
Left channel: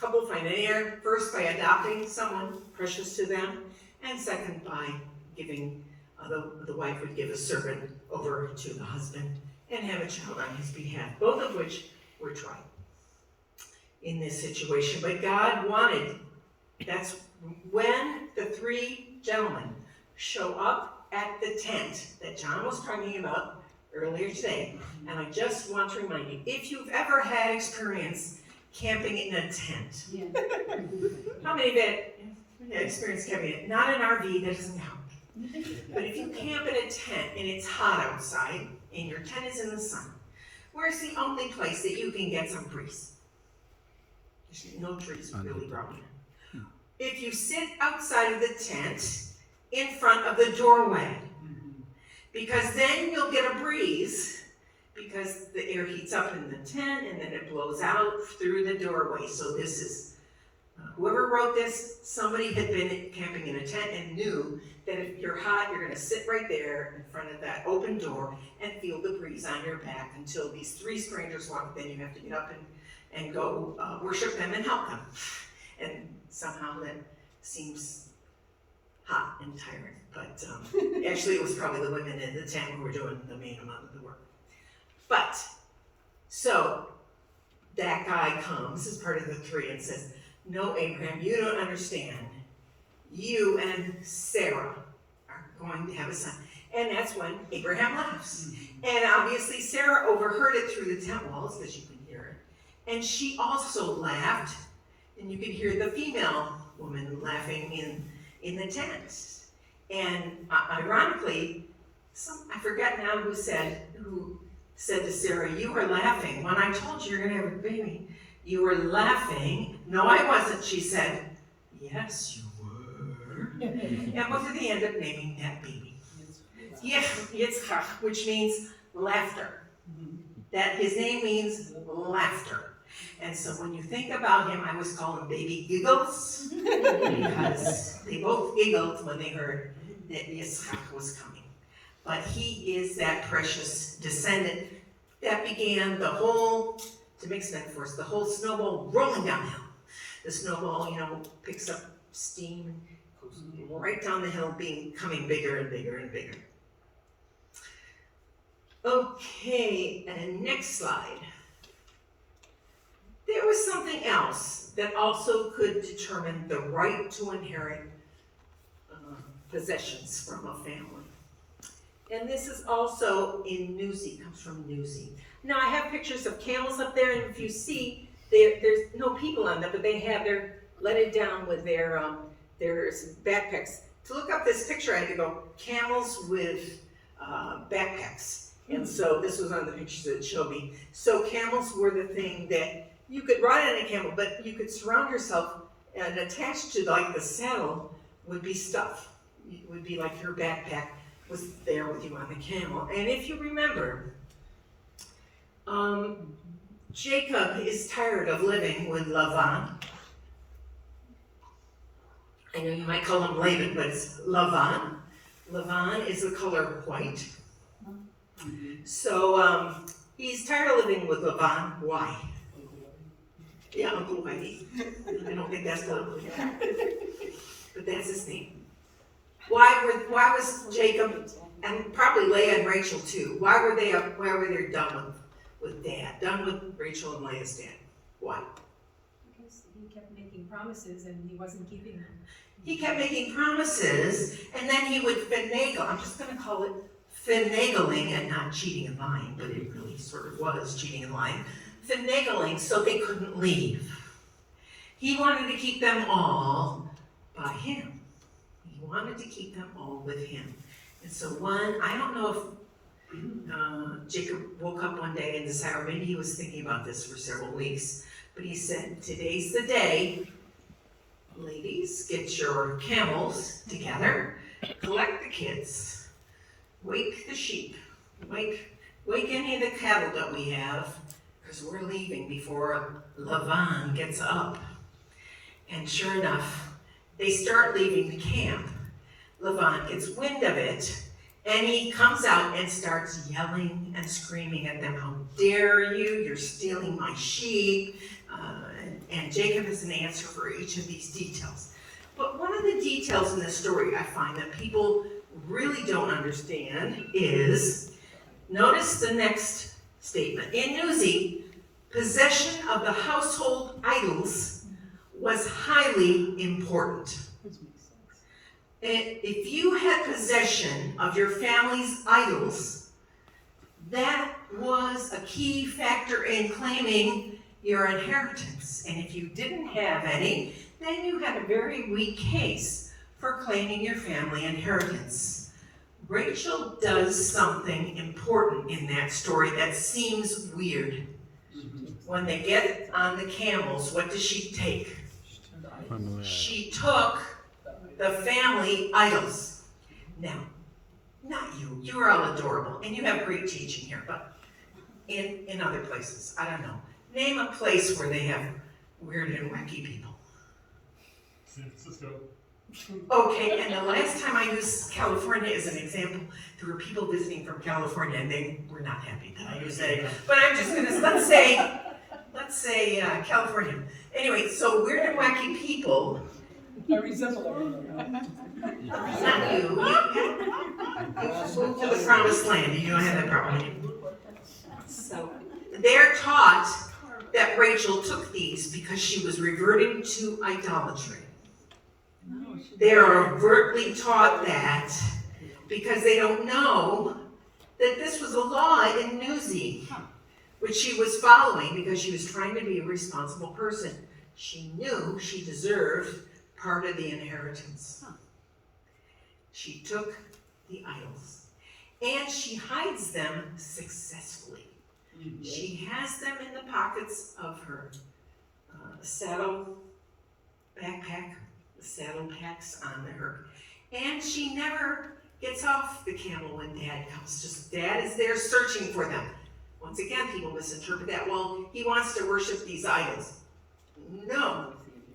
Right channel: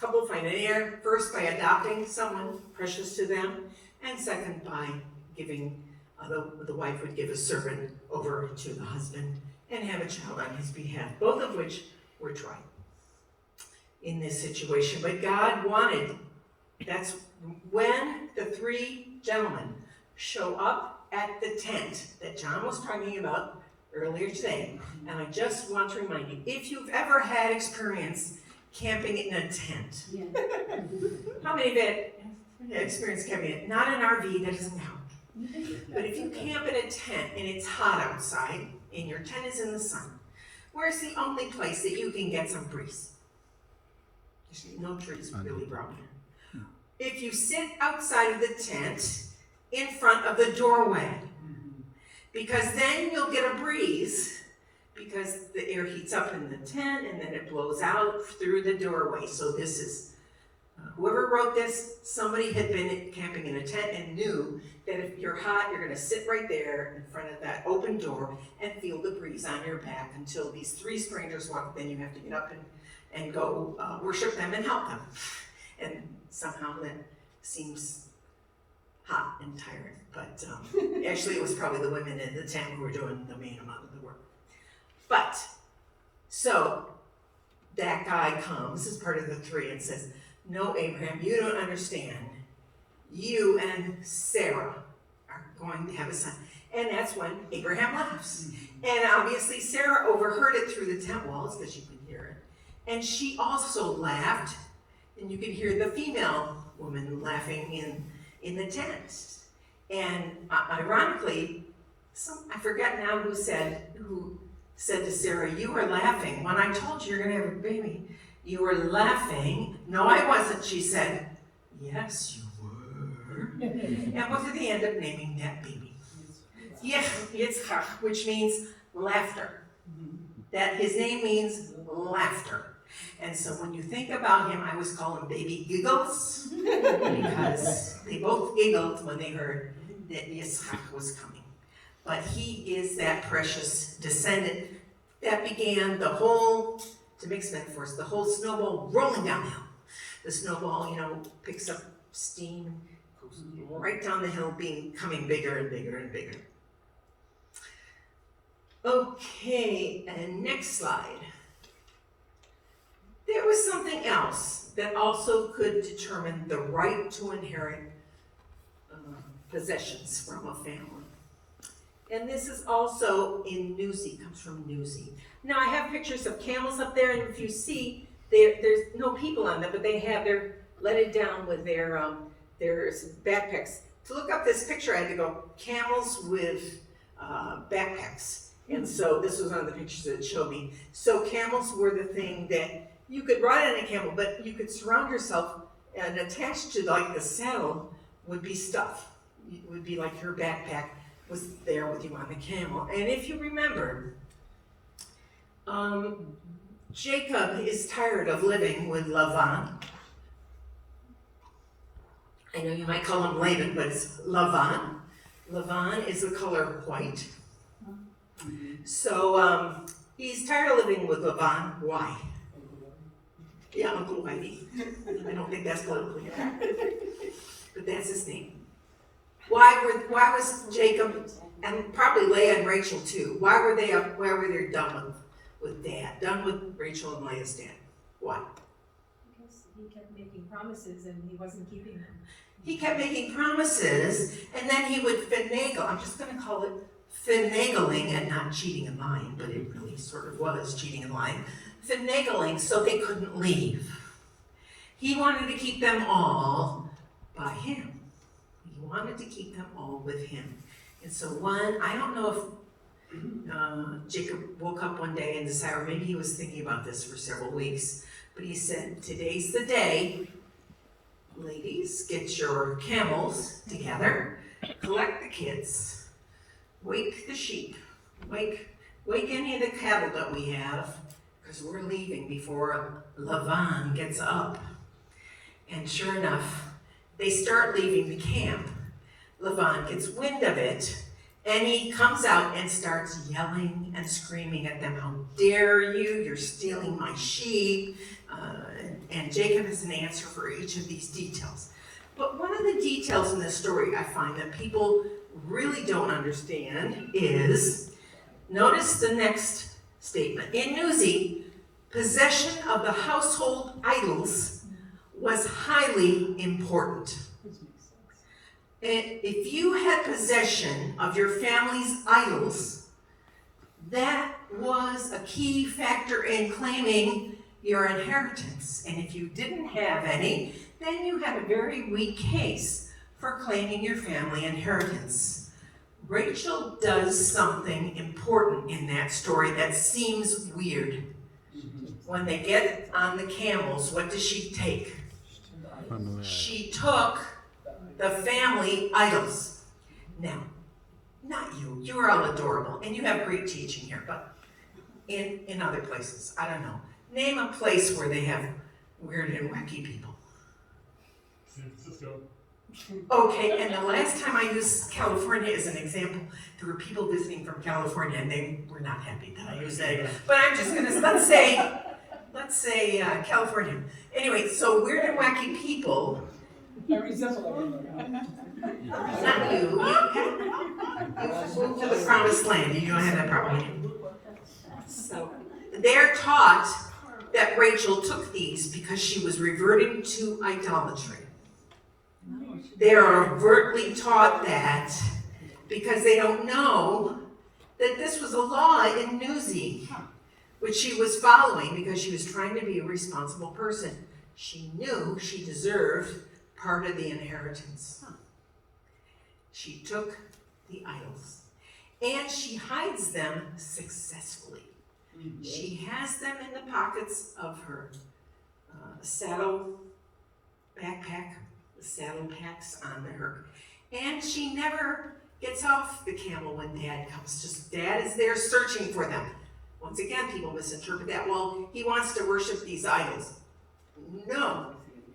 couple find an heir? First, by adopting someone precious to them, and second, by giving, the wife would give a servant over to the husband and have a child on his behalf, both of which were tried in this situation. But God wanted, that's when the three gentlemen show up at the tent that John was talking about earlier today. And I just want to remind you, if you've ever had experience camping in a tent. How many of you have experienced camping in, not an RV, that doesn't count. But if you camp in a tent and it's hot outside and your tent is in the sun, where's the only place that you can get some breeze? There's no trees really growing. If you sit outside of the tent in front of the doorway, because then you'll get a breeze because the air heats up in the tent and then it blows out through the doorway. So this is, whoever wrote this, somebody had been camping in a tent and knew that if you're hot, you're gonna sit right there in front of that open door and feel the breeze on your back until these three strangers walk, then you have to get up and go worship them and help them. And somehow that seems hot and tiring, but actually it was probably the women in the tent who were doing the main amount of the work. But, so, that guy comes as part of the three and says, no, Abraham, you don't understand. You and Sarah are going to have a son. And that's when Abraham laughs. And obviously Sarah overheard it through the tent walls, because you can hear it. And she also laughed, and you could hear the female woman laughing in the tent. And ironically, I forget now who said to Sarah, you were laughing when I told you you're going to have a baby. You were laughing. No, I wasn't, she said. Yes, you were. And what did they end up naming that baby? Yitzchak, which means laughter. That his name means laughter. And so when you think about him, I always call him Baby Giggles, because they both giggled when they heard that Yitzchak was coming. But he is that precious descendant that began the whole, to mix metaphors, the whole snowball rolling downhill. The snowball, picks up steam, goes right down the hill, becoming bigger and bigger and bigger. Okay, and next slide. There was something else that also could determine the right to inherit possessions from a family. And this is also in Newsy, comes from Newsy. Now I have pictures of camels up there, and if you see, there's no people on them, but they're letted down with their backpacks. To look up this picture, I had to go, camels with backpacks. And so this was one of the pictures that it showed me. So camels were the thing that you could ride on a camel, but you could surround yourself, and attached to like the saddle would be stuff. It would be like your backpack was there with you on the camel. And if you remember, Jacob is tired of living with Lavan. I know you might call him Laban, but it's Lavan. Lavan is the color white. So he's tired of living with Lavan. Why? Yeah, Uncle Whitey. I don't think that's politically correct, but that's his name. Why was Jacob, and probably Leah and Rachel too, why were they done with Dad, done with Rachel and Leah's dad? Why? Because he kept making promises and he wasn't keeping them. He kept making promises, and then he would finagle. I'm just going to call it finagling and not cheating and lying, but it really sort of was cheating and lying. Finagling so they couldn't leave. He wanted to keep them all by him. He wanted to keep them all with him. And so I don't know if Jacob woke up one day and decided, or maybe he was thinking about this for several weeks, but he said, today's the day. Ladies, get your camels together, collect the kids, wake the sheep, wake any of the cattle that we have, because we're leaving before Lavan gets up. And sure enough, they start leaving the camp. Lavan gets wind of it, and he comes out and starts yelling and screaming at them, how dare you, you're stealing my sheep. And Jacob has an answer for each of these details. But one of the details in this story I find that people really don't understand is, notice the next statement. In Newsy, possession of the household idols was highly important. If you had possession of your family's idols, that was a key factor in claiming, your inheritance. And if you didn't have any, then you had a very weak case for claiming your family inheritance. Rachel does something important in that story that seems weird. When they get on the camels, what does she take? She took the family idols. Now, not you, you're all adorable, and you have great teaching here, but in other places, I don't know. Name a place where they have weird and wacky people. San Francisco. Okay, and the last time I used California as an example, there were people visiting from California and they were not happy that I used that. But I'm just gonna, let's say California. Anyway, so weird and wacky people, I resemble everyone. not you, you moved to the promised land, you don't have that problem. So, they're taught that Rachel took these because she was reverting to idolatry. They are overtly taught that because they don't know that this was a law in Newsy, which she was following because she was trying to be a responsible person. She knew she deserved part of the inheritance. She took the idols and she hides them successfully. She has them in the pockets of her saddle backpack. The saddle packs onto her. And she never gets off the camel when Dad comes. Just Dad is there searching for them. Once again, people misinterpret that. Well, he wants to worship these idols. No,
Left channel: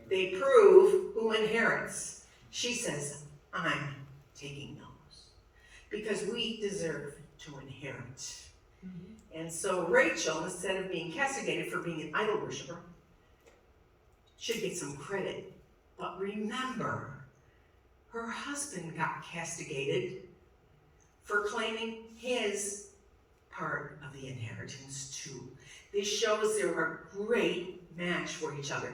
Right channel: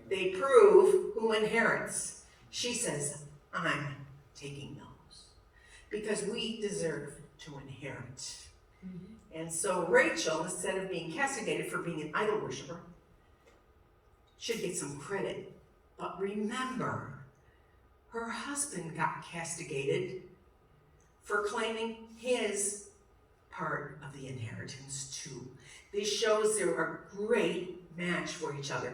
they prove who inherits. She says, I'm taking those because we deserve to inherit. And so Rachel, instead of being castigated for being an idol worshiper, should get some credit. But remember, her husband got castigated for claiming his part of the inheritance too. This shows they were a great match for each other.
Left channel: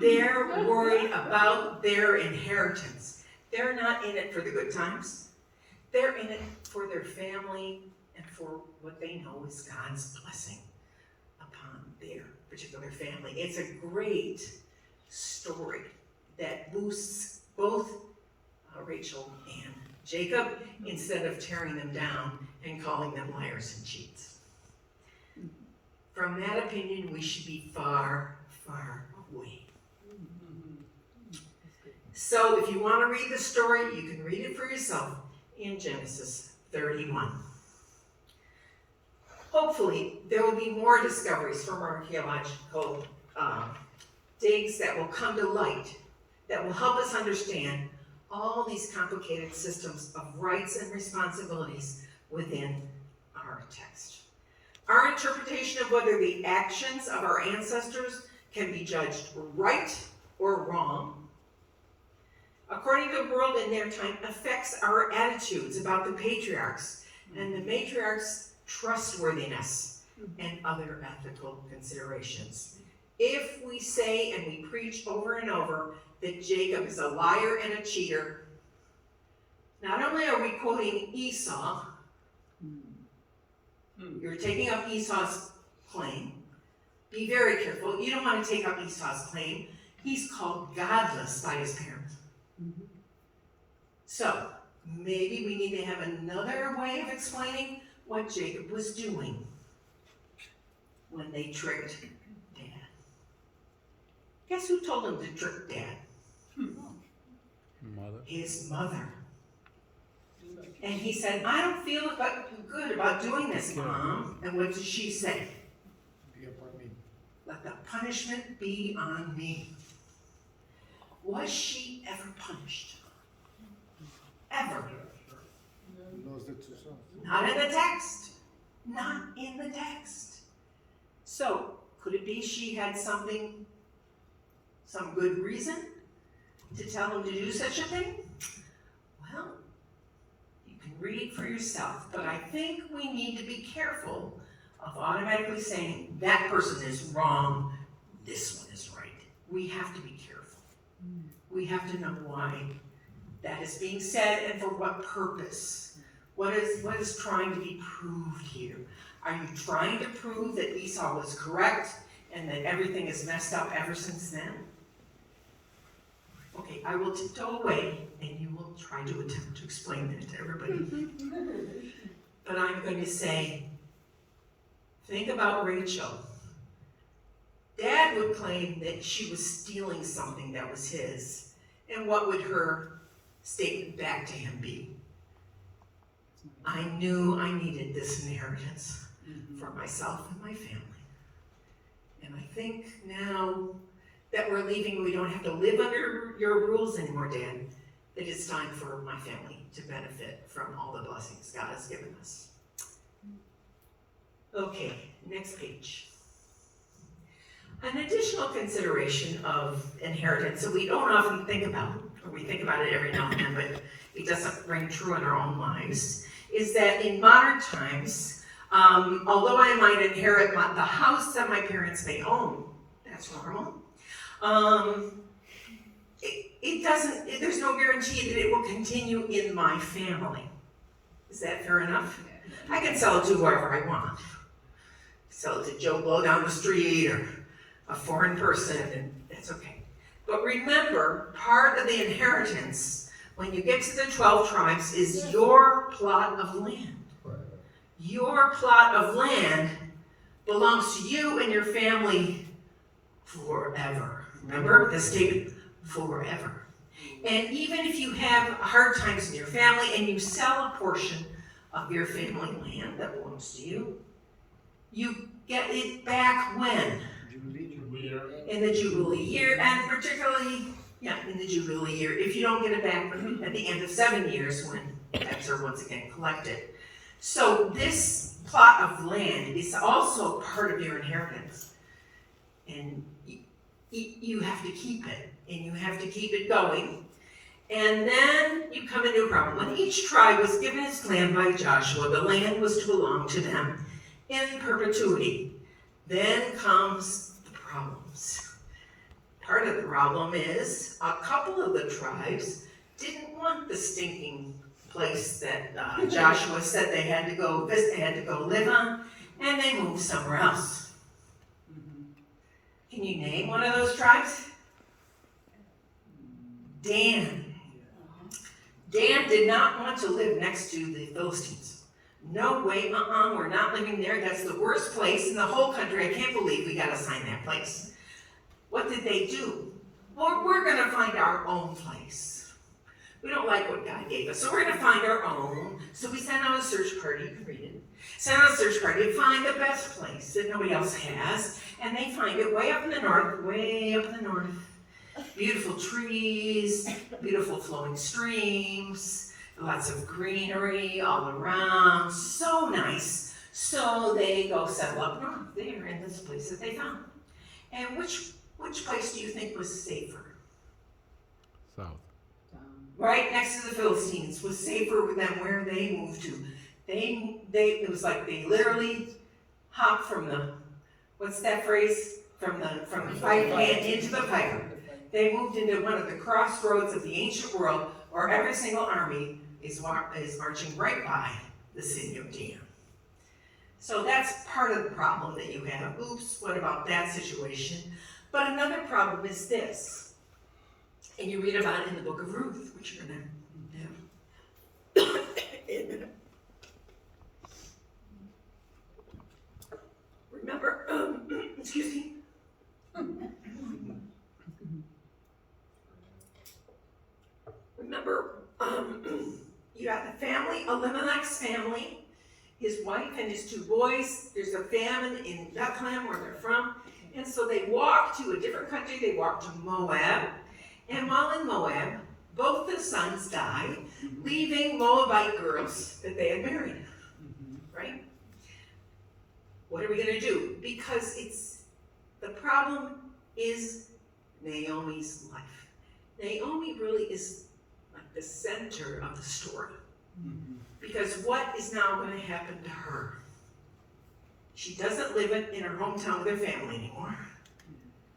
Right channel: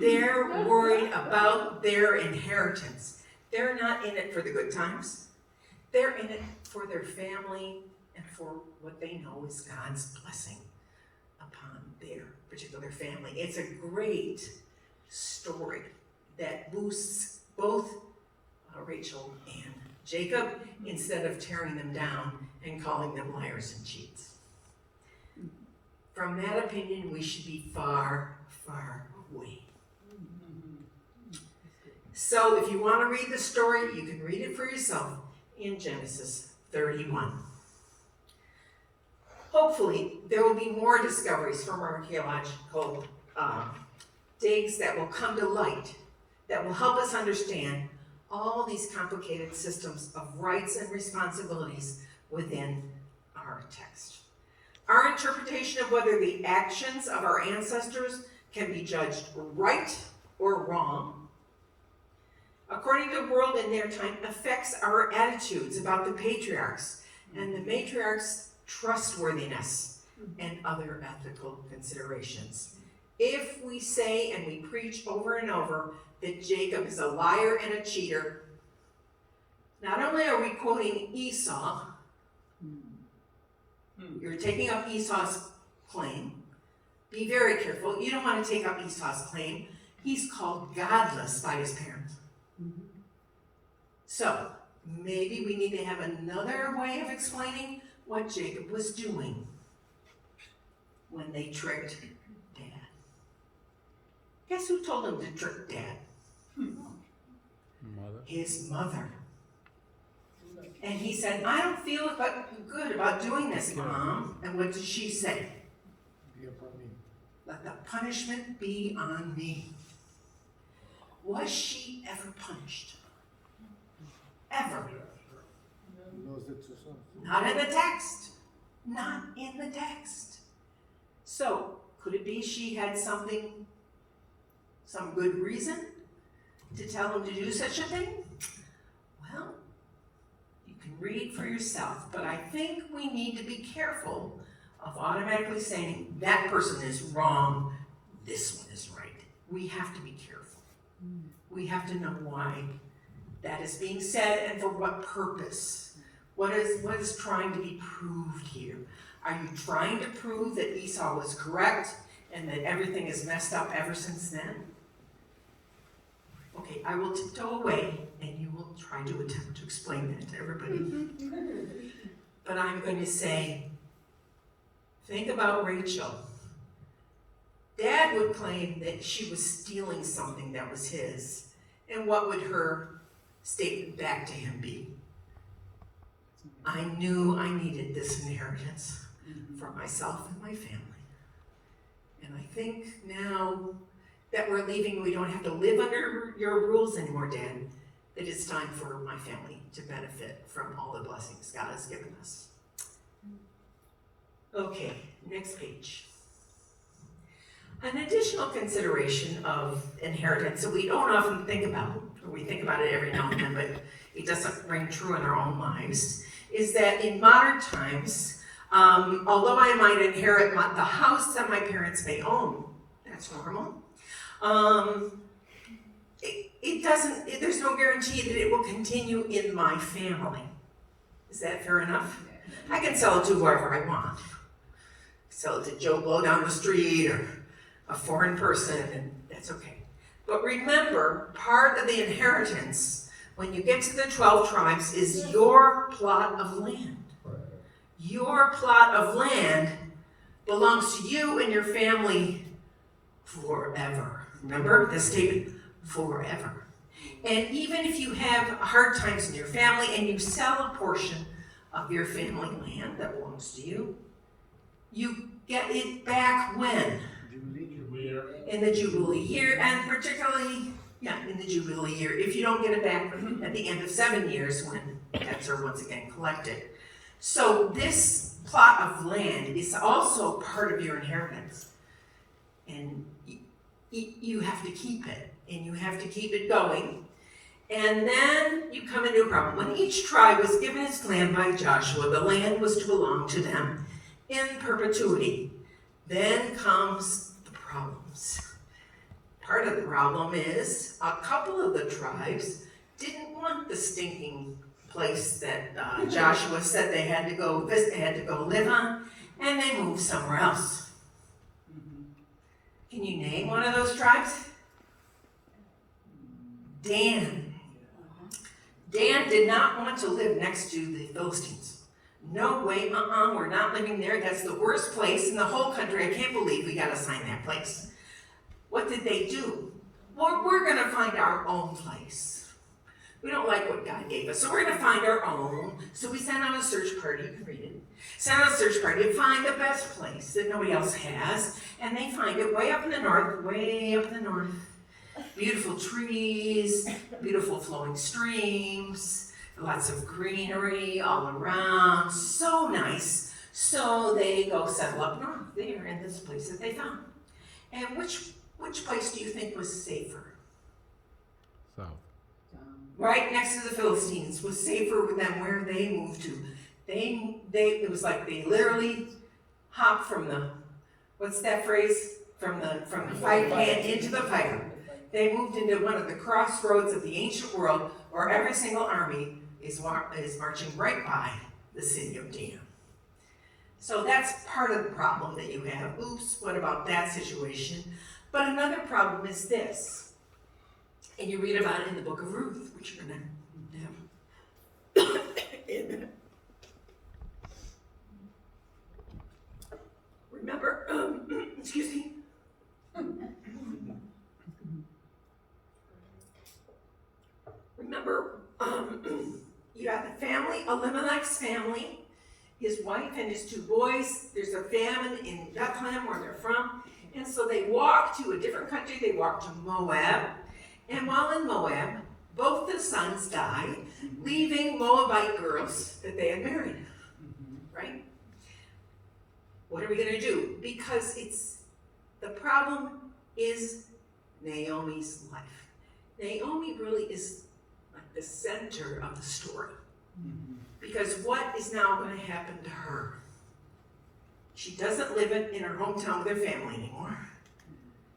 They're worried about their inheritance. They're not in it for the good times. They're in it for their family and for what they know is God's blessing upon their particular family. It's a great story that boosts both Rachel and Jacob instead of tearing them down and calling them liars and cheats. From that opinion, we should be far, far away. So if you want to read the story, you can read it for yourself in Genesis 31. Hopefully, there will be more discoveries from archaeological digs that will come to light that will help us understand all these complicated systems of rights and responsibilities within our text. Our interpretation of whether the actions of our ancestors can be judged right or wrong, according to the world in their time, affects our attitudes about the patriarchs and the matriarchs' trustworthiness and other ethical considerations. If we say and we preach over and over that Jacob is a liar and a cheater, not only are we quoting Esau, you're taking up Esau's claim. Be very careful. You don't want to take up Esau's claim. He's called godless by his parents. So, maybe we need to have another way of explaining what Jacob was doing when they tricked Dad. Guess who told him to trick Dad? Mother. His mother. And he said, I don't feel good about doing this, Mom. And what did she say? Let the punishment be on me. Was she ever punished? Ever? Not in the text. Not in the text. So, could it be she had some good reason to tell him to do such a thing? Well, you can read for yourself, but I think we need to be careful of automatically saying that person is wrong, this one is right. We have to be careful. We have to know why that is being said and for what purpose. What is trying to be proved here? Are you trying to prove that Esau was correct and that everything is messed up ever since then? Okay, I will tiptoe away and you will try to attempt to explain that to everybody. But I'm going to say, think about Rachel. Dad would claim that she was stealing something that was his, and what would her statement back to him be? I knew I needed this inheritance for myself and my family. And I think now that we're leaving, we don't have to live under your rules anymore, Dad, that it's time for my family to benefit from all the blessings God has given us. Okay, next page. An additional consideration of inheritance that we don't often think about, or we think about it every now and then, but it doesn't ring true in our own lives, is that in modern times, although I might inherit the house that my parents may own, that's normal, there's no guarantee that it will continue in my family. Is that fair enough? I can sell it to whoever I want. Sell it to Joe Blow down the street or a foreign person, and that's okay. But remember, part of the inheritance, when you get to the 12 tribes, is your plot of land. Your plot of land belongs to you and your family forever. Remember the statement, forever. And even if you have hard times in your family and you sell a portion of your family land that belongs to you, you get it back when? In the Jubilee year, and particularly, in the Jubilee year, if you don't get it back at the end of 7 years when debts are once again collected. So this plot of land is also part of your inheritance. And you have to keep it, and you have to keep it going. And then you come into a problem. When each tribe was given its land by Joshua, the land was to belong to them in perpetuity. Then comes the problems. Part of the problem is a couple of the tribes didn't want the stinking place that Joshua said they had to go visit, they had to go live on, and they moved somewhere else. Can you name one of those tribes? Dan. Dan did not want to live next to the Philistines. No way, we're not living there. That's the worst place in the whole country. I can't believe we got assigned that place. What did they do? Well, we're going to find our own place. We don't like what God gave us, so we're going to find our own. So we sent out a search party, you can read it. Sent out a search party to find the best place that nobody else has, and they find it way up in the north, way up in the north. Beautiful trees, beautiful flowing streams, lots of greenery all around, so nice. So they go settle up north there in this place that they found. And which place do you think was safer? South. Right next to the Philistines was safer than where they moved to. It was like they literally hopped from the, what's that phrase? From the fight pan into the fire. They moved into one of the crossroads of the ancient world where every single army is marching right by the city of Dan. So that's part of the problem that you have. Oops, what about that situation? But another problem is this, and you read about it in the book of Ruth, which you're going to have in a minute. Remember, excuse me. Remember, you got the family, Elimelech's family, his wife and his 2 boys. There's a famine in Bethlehem where they're from. And so they walked to a different country. They walked to Moab. And while in Moab, both the sons died, leaving Moabite girls that they had married. Right? What are we going to do? Because the problem is Naomi's life. Naomi really is like the center of the story. Because what is now going to happen to her? She doesn't live in her hometown with her family anymore.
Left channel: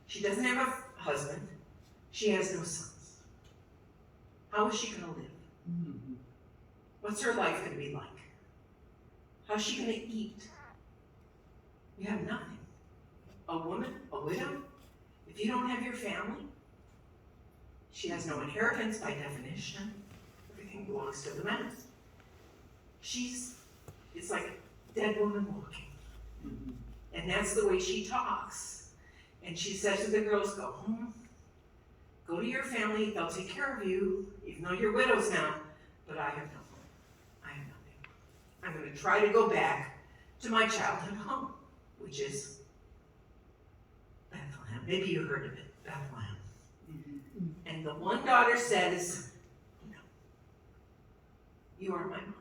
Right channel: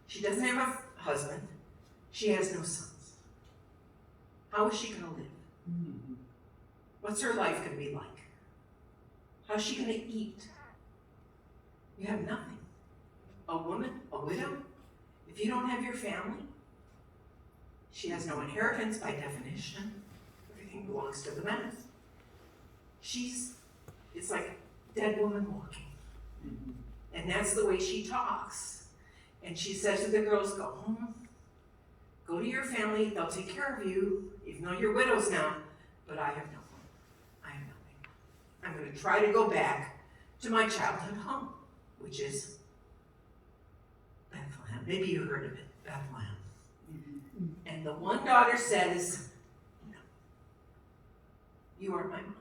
She doesn't have a husband. She has no sons. How is she going to live? What's her life going to be like? How's she going to eat? You have nothing. a woman, a widow, if you don't have your family, she has no inheritance by definition. Everything belongs to the man. It's like a dead woman walking. And that's the way she talks. And she says to the girls, go home, go to your family, they'll take care of you, even though you're widows now, but I have nothing. I have nothing. I'm going to try to go back to my childhood home, which is Bethlehem. Maybe you heard of it, Bethlehem. And the one daughter says, no, you are my mom.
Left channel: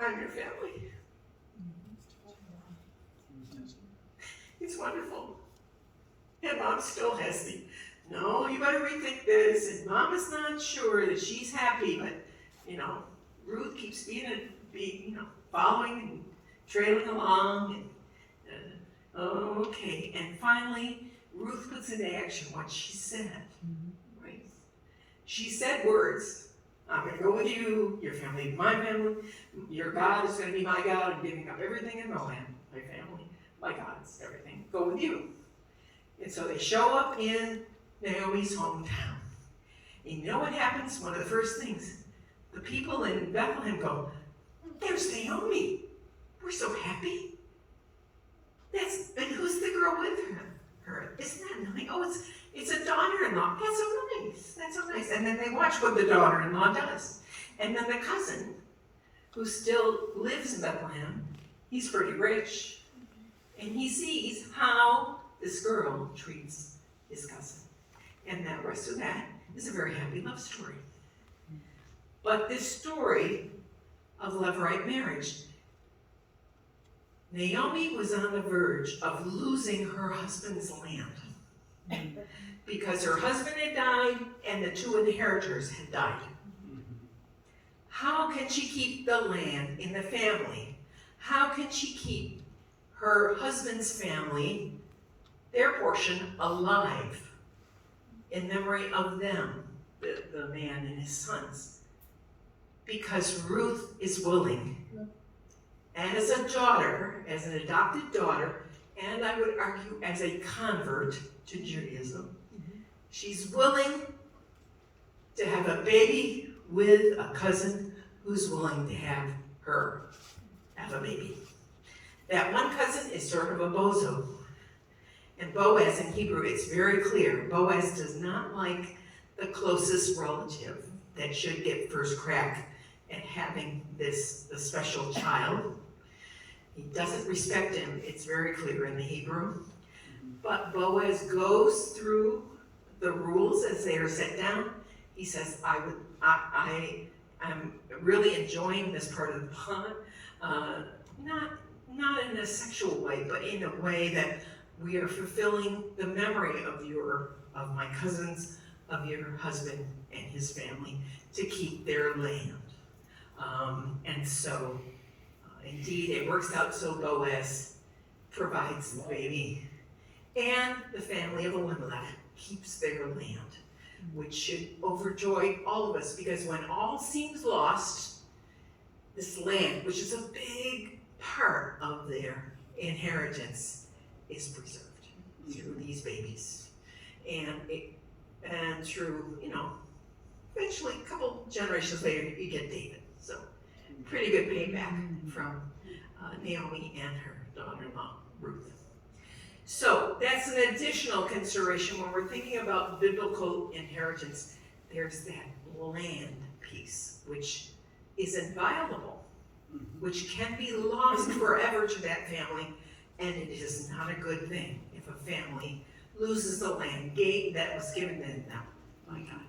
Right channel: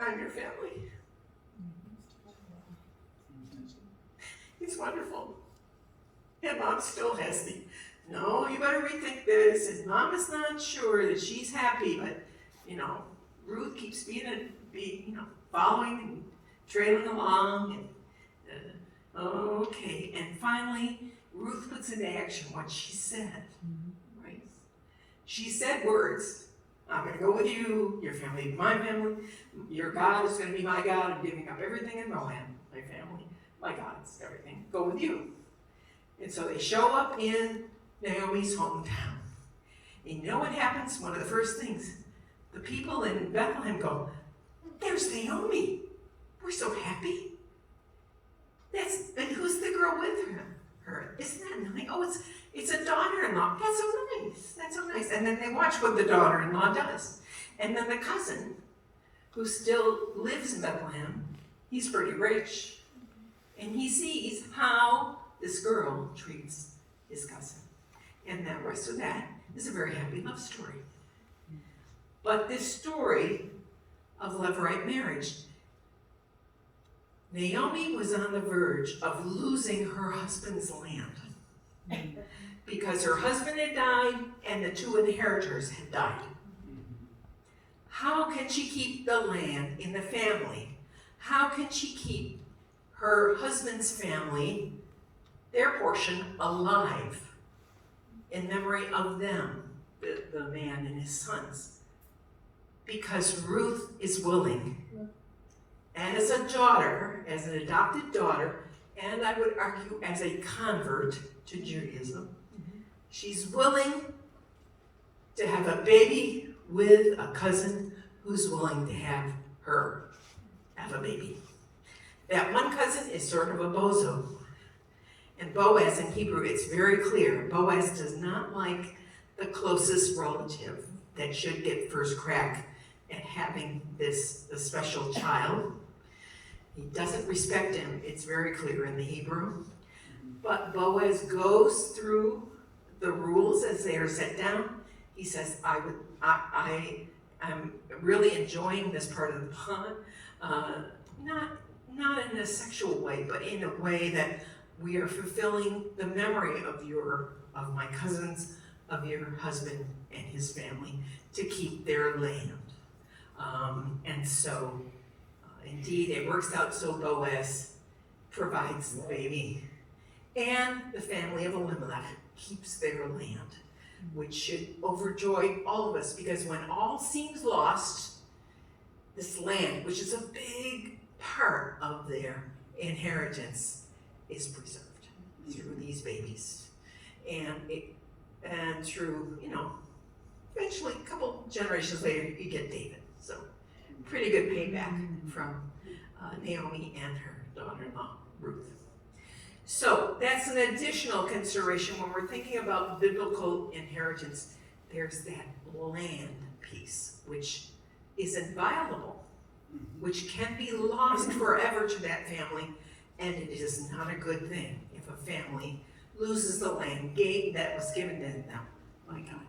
I'm your family. It's wonderful. And mom still has the, no, you better rethink this, and mom is not sure that she's happy, but, Ruth keeps following and trailing along, and, okay, and finally, Ruth puts into action what she said, right? She said words, I'm gonna go with you, your family, my family, your God is gonna be my God, I'm giving up everything in Moab, my family, my God's everything, go with you. And so they show up in Naomi's hometown. And you know what happens? One of the first things, the people in Bethlehem go, there's Naomi. We're so happy. And who's the girl with her? Isn't that nice? Oh, it's a daughter-in-law. That's so nice. That's so nice. And then they watch what the daughter-in-law does. And then the cousin, who still lives in Bethlehem, he's pretty rich. And he sees how this girl treats his cousin. And the rest of that is a very happy love story. But this story of Levirate marriage, Naomi was on the verge of losing her husband's land because her husband had died and the two inheritors had died. How can she keep the land in the family? How can she keep her husband's family, their portion, alive in memory of them, the man and his sons? Because Ruth is willing, as a daughter, as an adopted daughter, and I would argue as a convert to Judaism, she's willing to have a baby with a cousin who's willing to have a baby. That one cousin is sort of a bozo. And Boaz in Hebrew, it's very clear, Boaz does not like the closest relative that should get first crack at having the special child. He doesn't respect him, it's very clear in the Hebrew. But Boaz goes through the rules as they are set down. He says, I'm really enjoying this part of the pond, not in a sexual way, but in a way that we are fulfilling the memory of my cousins, of your husband and his family, to keep their land. And so, indeed, it works out so Boaz provides the baby, and the family of Elimelech keeps their land, which should overjoy all of us, because when all seems lost, this land, which is a big part of their inheritance, is preserved through these babies. And through, eventually a couple generations later, you get David. So pretty good payback from Naomi and her daughter-in-law, Ruth. So that's an additional consideration when we're thinking about biblical inheritance. There's that land piece, which is inviolable, which can be lost forever to that family, and it is not a good thing if a family loses the land that was given to them. My God,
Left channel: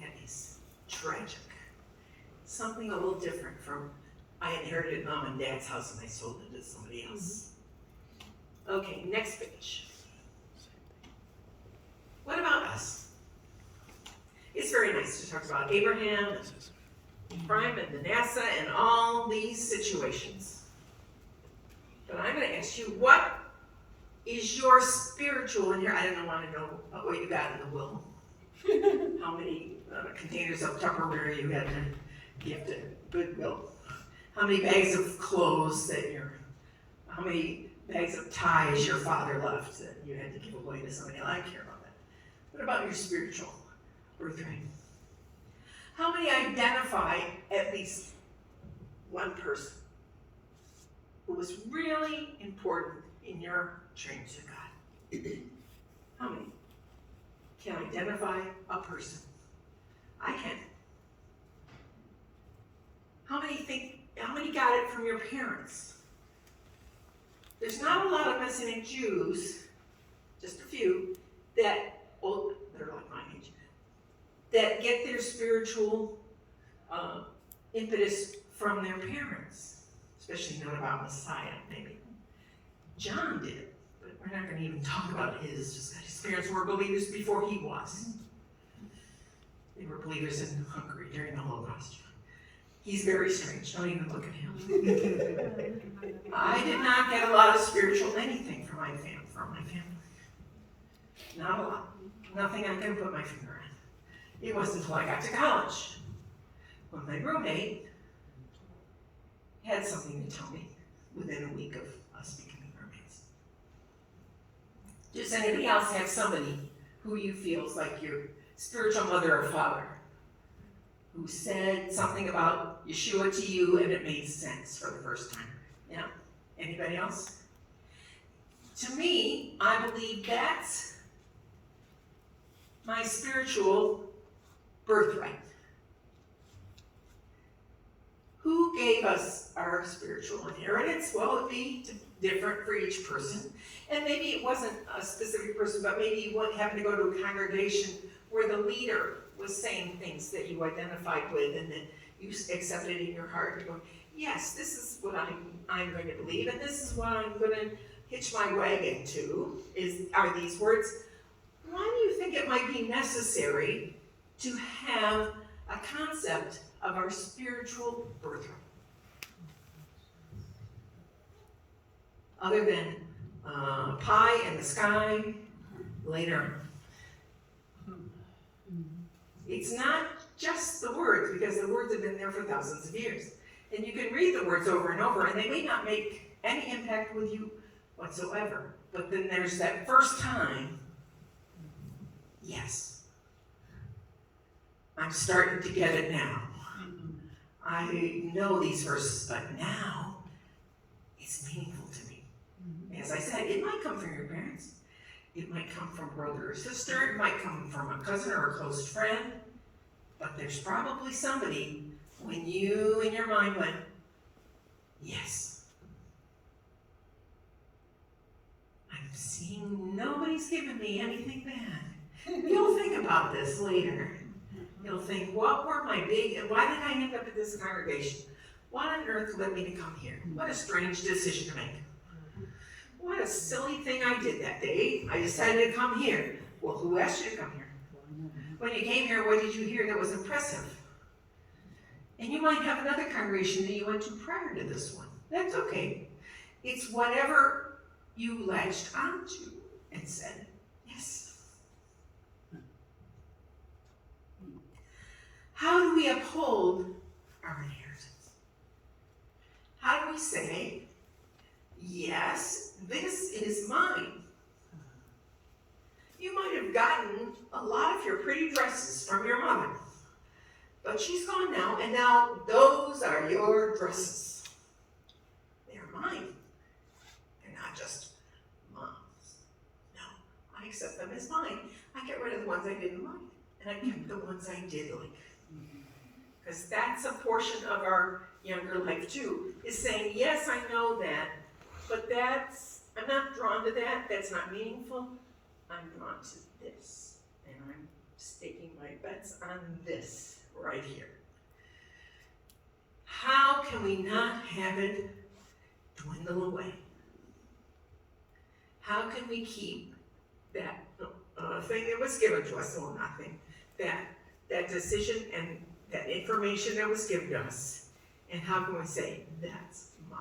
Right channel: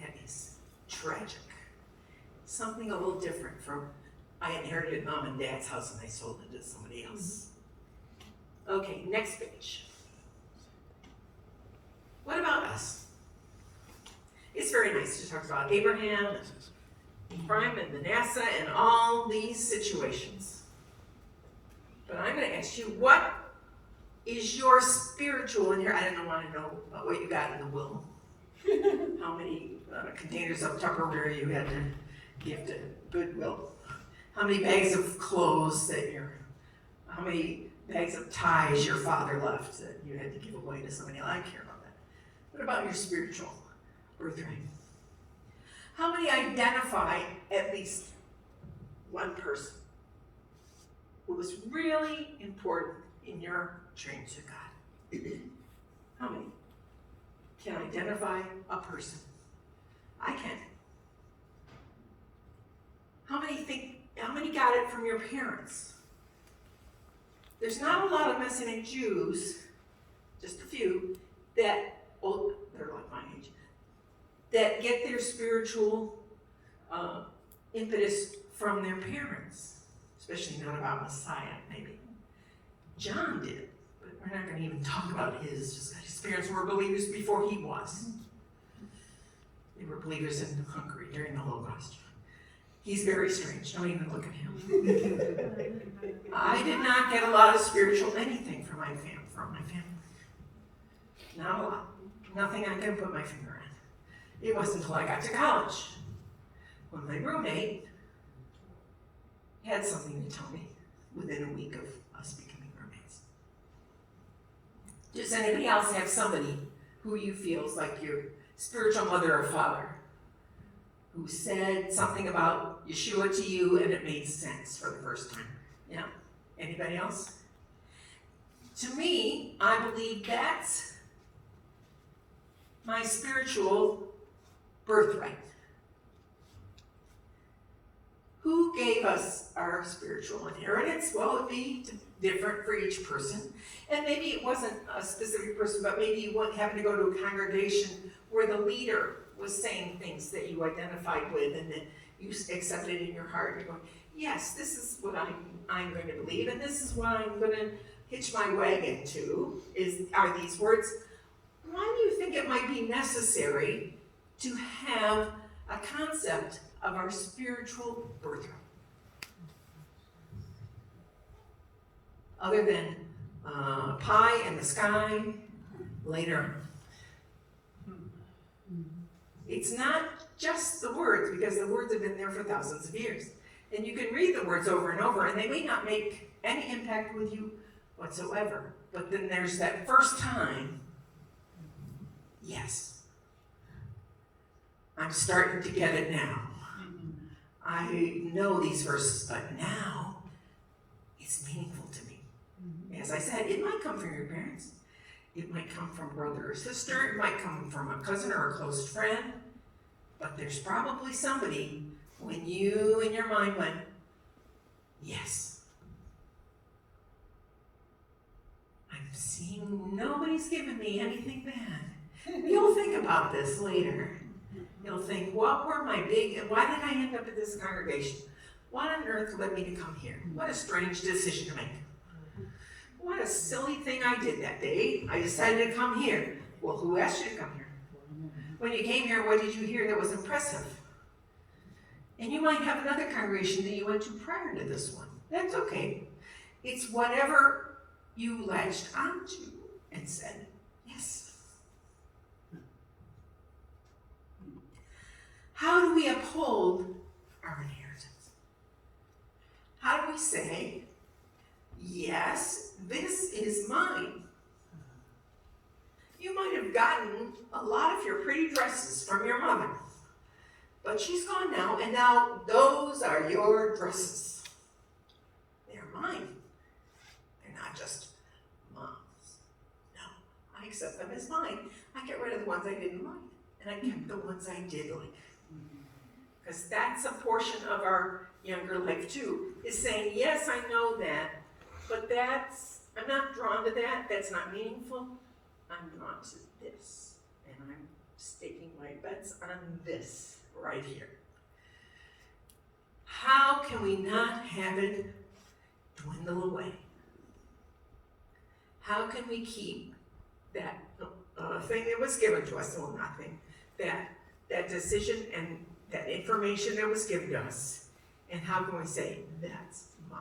that is tragic. Something a little different from, I inherited mom and dad's house and I sold it to somebody else. Okay, next page. What about us? It's very nice to talk about Abraham and Ephraim and Manasseh and all these situations. But I'm going to ask you, what is your spiritual inheritance? I don't want to know what you got in the will. How many containers of Tupperware you had to give to Goodwill. How many bags of clothes how many bags of ties your father left that you had to give away to somebody else? I care about that. What about your spiritual birthright? How many identify at least one person who was really important in your journey to God? How many can identify a person? I can. How many got it from your parents? There's not a lot of Messianic Jews, just a few, they're like my age, that get their spiritual impetus from their parents, especially not about Messiah, maybe. John did, but we're not going to even talk about his parents were believers before he was. They were believers in Hungary during the Holocaust. He's very strange, don't even look at him. I did not get a lot of spiritual anything from my family. Not a lot. Nothing I can put my finger on. It wasn't until I got to college when my roommate had something to tell me within a week of us becoming roommates. Does anybody else have somebody who you feel is like your spiritual mother or father who said something about Yeshua to you and it made sense for the first time? Yeah? Anybody else? To me, I believe that's my spiritual birthright. Who gave us our spiritual inheritance? Well, it'd be different for each person. And maybe it wasn't a specific person, but maybe you happened to go to a congregation where the leader was saying things that you identified with and that you accepted in your heart. You're going, yes, this is what I'm going to believe, and this is what I'm going to hitch my wagon to, are these words. Why do you think it might be necessary to have a concept of our spiritual birthright? Other than pie in the sky later. It's not just the words, because the words have been there for thousands of years. And you can read the words over and over, and they may not make any impact with you whatsoever. But then there's that first time, yes, I'm starting to get it now. I know these verses, but now it's meaningful to me. As I said, it might come from your parents. It might come from brother or sister. It might come from a cousin or a close friend. But there's probably somebody when you in your mind went, yes. I'm seeing nobody's given me anything bad. You'll think about this later. You'll think, why did I end up at this congregation? What on earth led me to come here? What a strange decision to make. What a silly thing I did that day. I decided to come here. Well, who asked you to come here? When you came here, what did you hear that was impressive? And you might have another congregation that you went to prior to this one. That's okay. It's whatever you latched onto and said, yes. How do we uphold our inheritance? How do we say, yes, this is mine? You might have gotten a lot of your pretty dresses from your mother, but she's gone now, and now those are your dresses. They're mine. They're not just mom's. No, I accept them as mine. I get rid of the ones I didn't like, and I kept the ones I did like. Because that's a portion of our younger life too, is saying, yes, I know that, but I'm not drawn to that, that's not meaningful. I'm drawn to this, and I'm staking my bets on this right here. How can we not have it dwindle away? How can we keep that thing that was given to us, well, nothing, that decision and that information that was given to us, and how can we say, that's mine?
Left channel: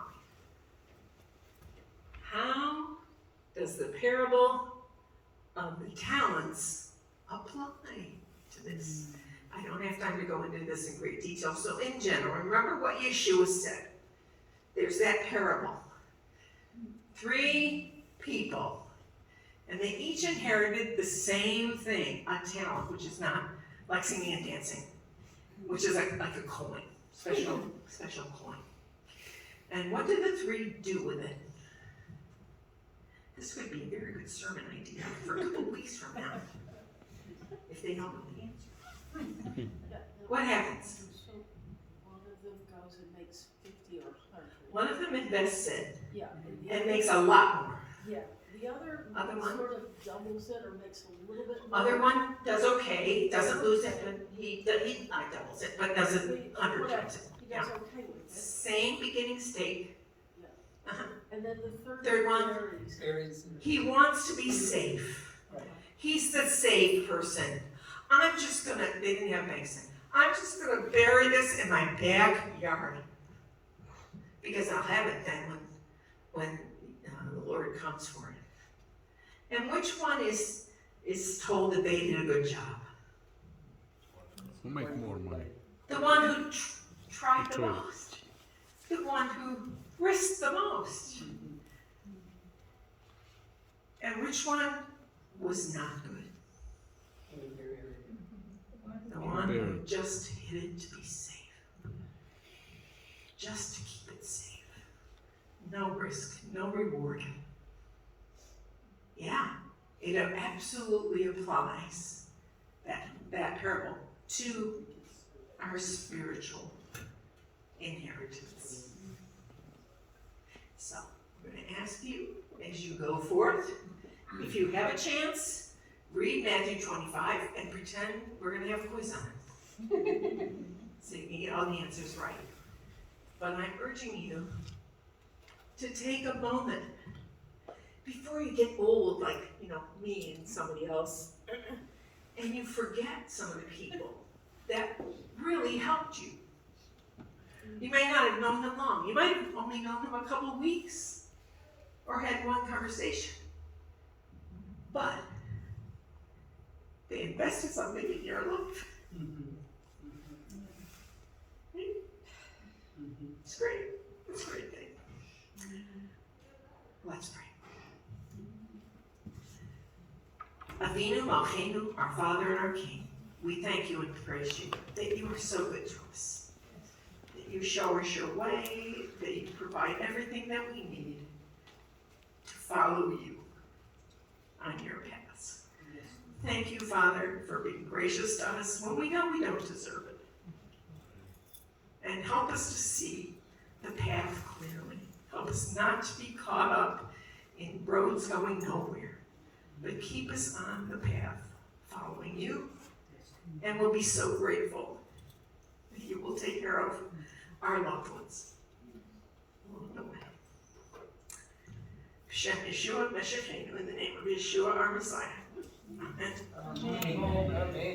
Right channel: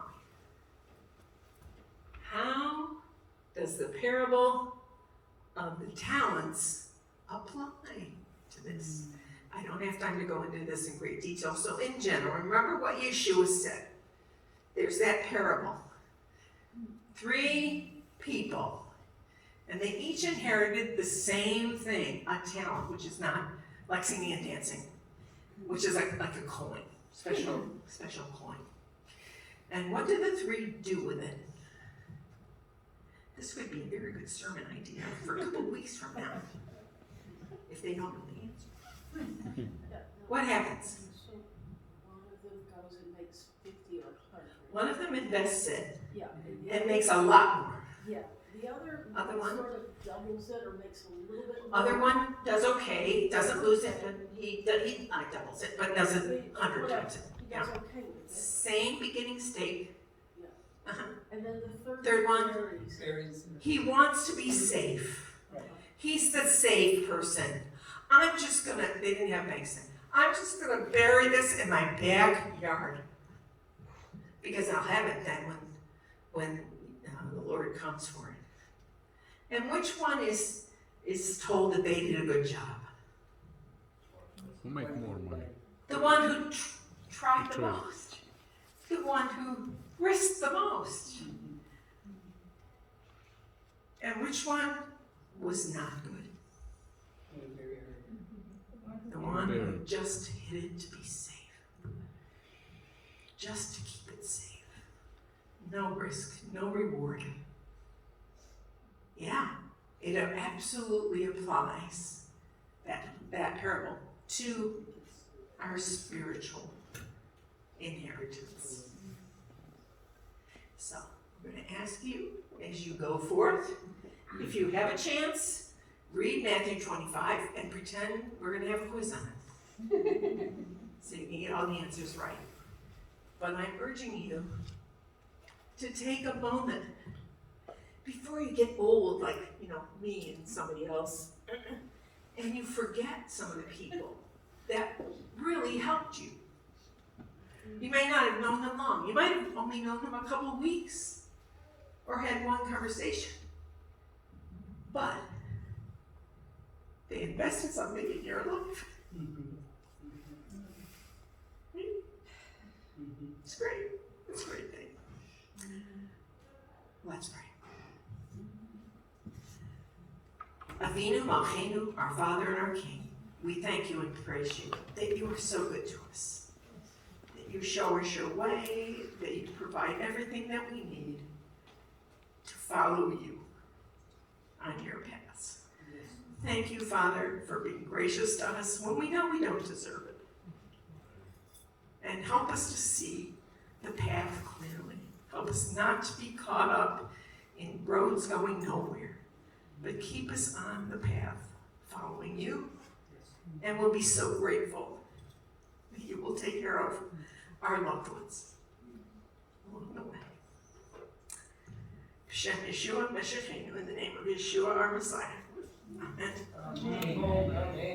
How does the parable of the talents apply to this? I don't have time to go into this in great detail. So in general, remember what Yeshua said. there's that parable. 3 people, and they each inherited the same thing, a talent, which is not like singing and dancing, which is like a coin, special coin. And what did the 3 do with it? This would be a very good sermon idea for a couple weeks from now, if they don't know the answer. What happens? So one of them goes and makes 50 or 100. One of them invests it Yeah. the and other- makes a lot more. Yeah, the other Other one? sort of doubles it or makes a little bit more. Other one does okay, doesn't lose it, and he not doubles it, but does it 100 times it. He Yeah. does okay with it. Same beginning state. Yeah. Uh-huh. And then the Third one. varies. Varies. He wants to be safe. Right. He's the safe person. I'm just gonna, they didn't have banks then. I'm just gonna bury this in my backyard. Because I'll have it then when the Lord comes for it. And which one is told that they did a good job? Who make more money? The one who tried the True. most. The one who risked the most. And which one was not good? The one who just hid it to be safe. Just to keep it safe. No risk, no reward. Yeah, it absolutely applies, that parable, to our spiritual inheritance. So, I'm going to ask you, as you go forth, if you have a chance, read Matthew 25 and pretend we're going to have a quiz on it. So you can get all the answers right. But I'm urging you to take a moment before you get old, like, me and somebody else, and you forget some of the people that really helped you. You may not have known them long. You might have only known them a couple of weeks or had one conversation. But they invested something in your life. It's great. It's a great thing. Let's pray. Avinu Malkeinu, our Father and our King, we thank you and praise you that you are so good to us, that you show us your way, that you provide everything that we need to follow you on your paths. Thank you, Father, for being gracious to us when we know we don't deserve it. And help us to see the path clearly. Help us not to be caught up in roads going nowhere, but keep us on the path following you. And we'll be so grateful that you will take care of our loved ones along the way. Shem Yeshua Meshachenu, in the name of Yeshua our Messiah. Amen. Amen.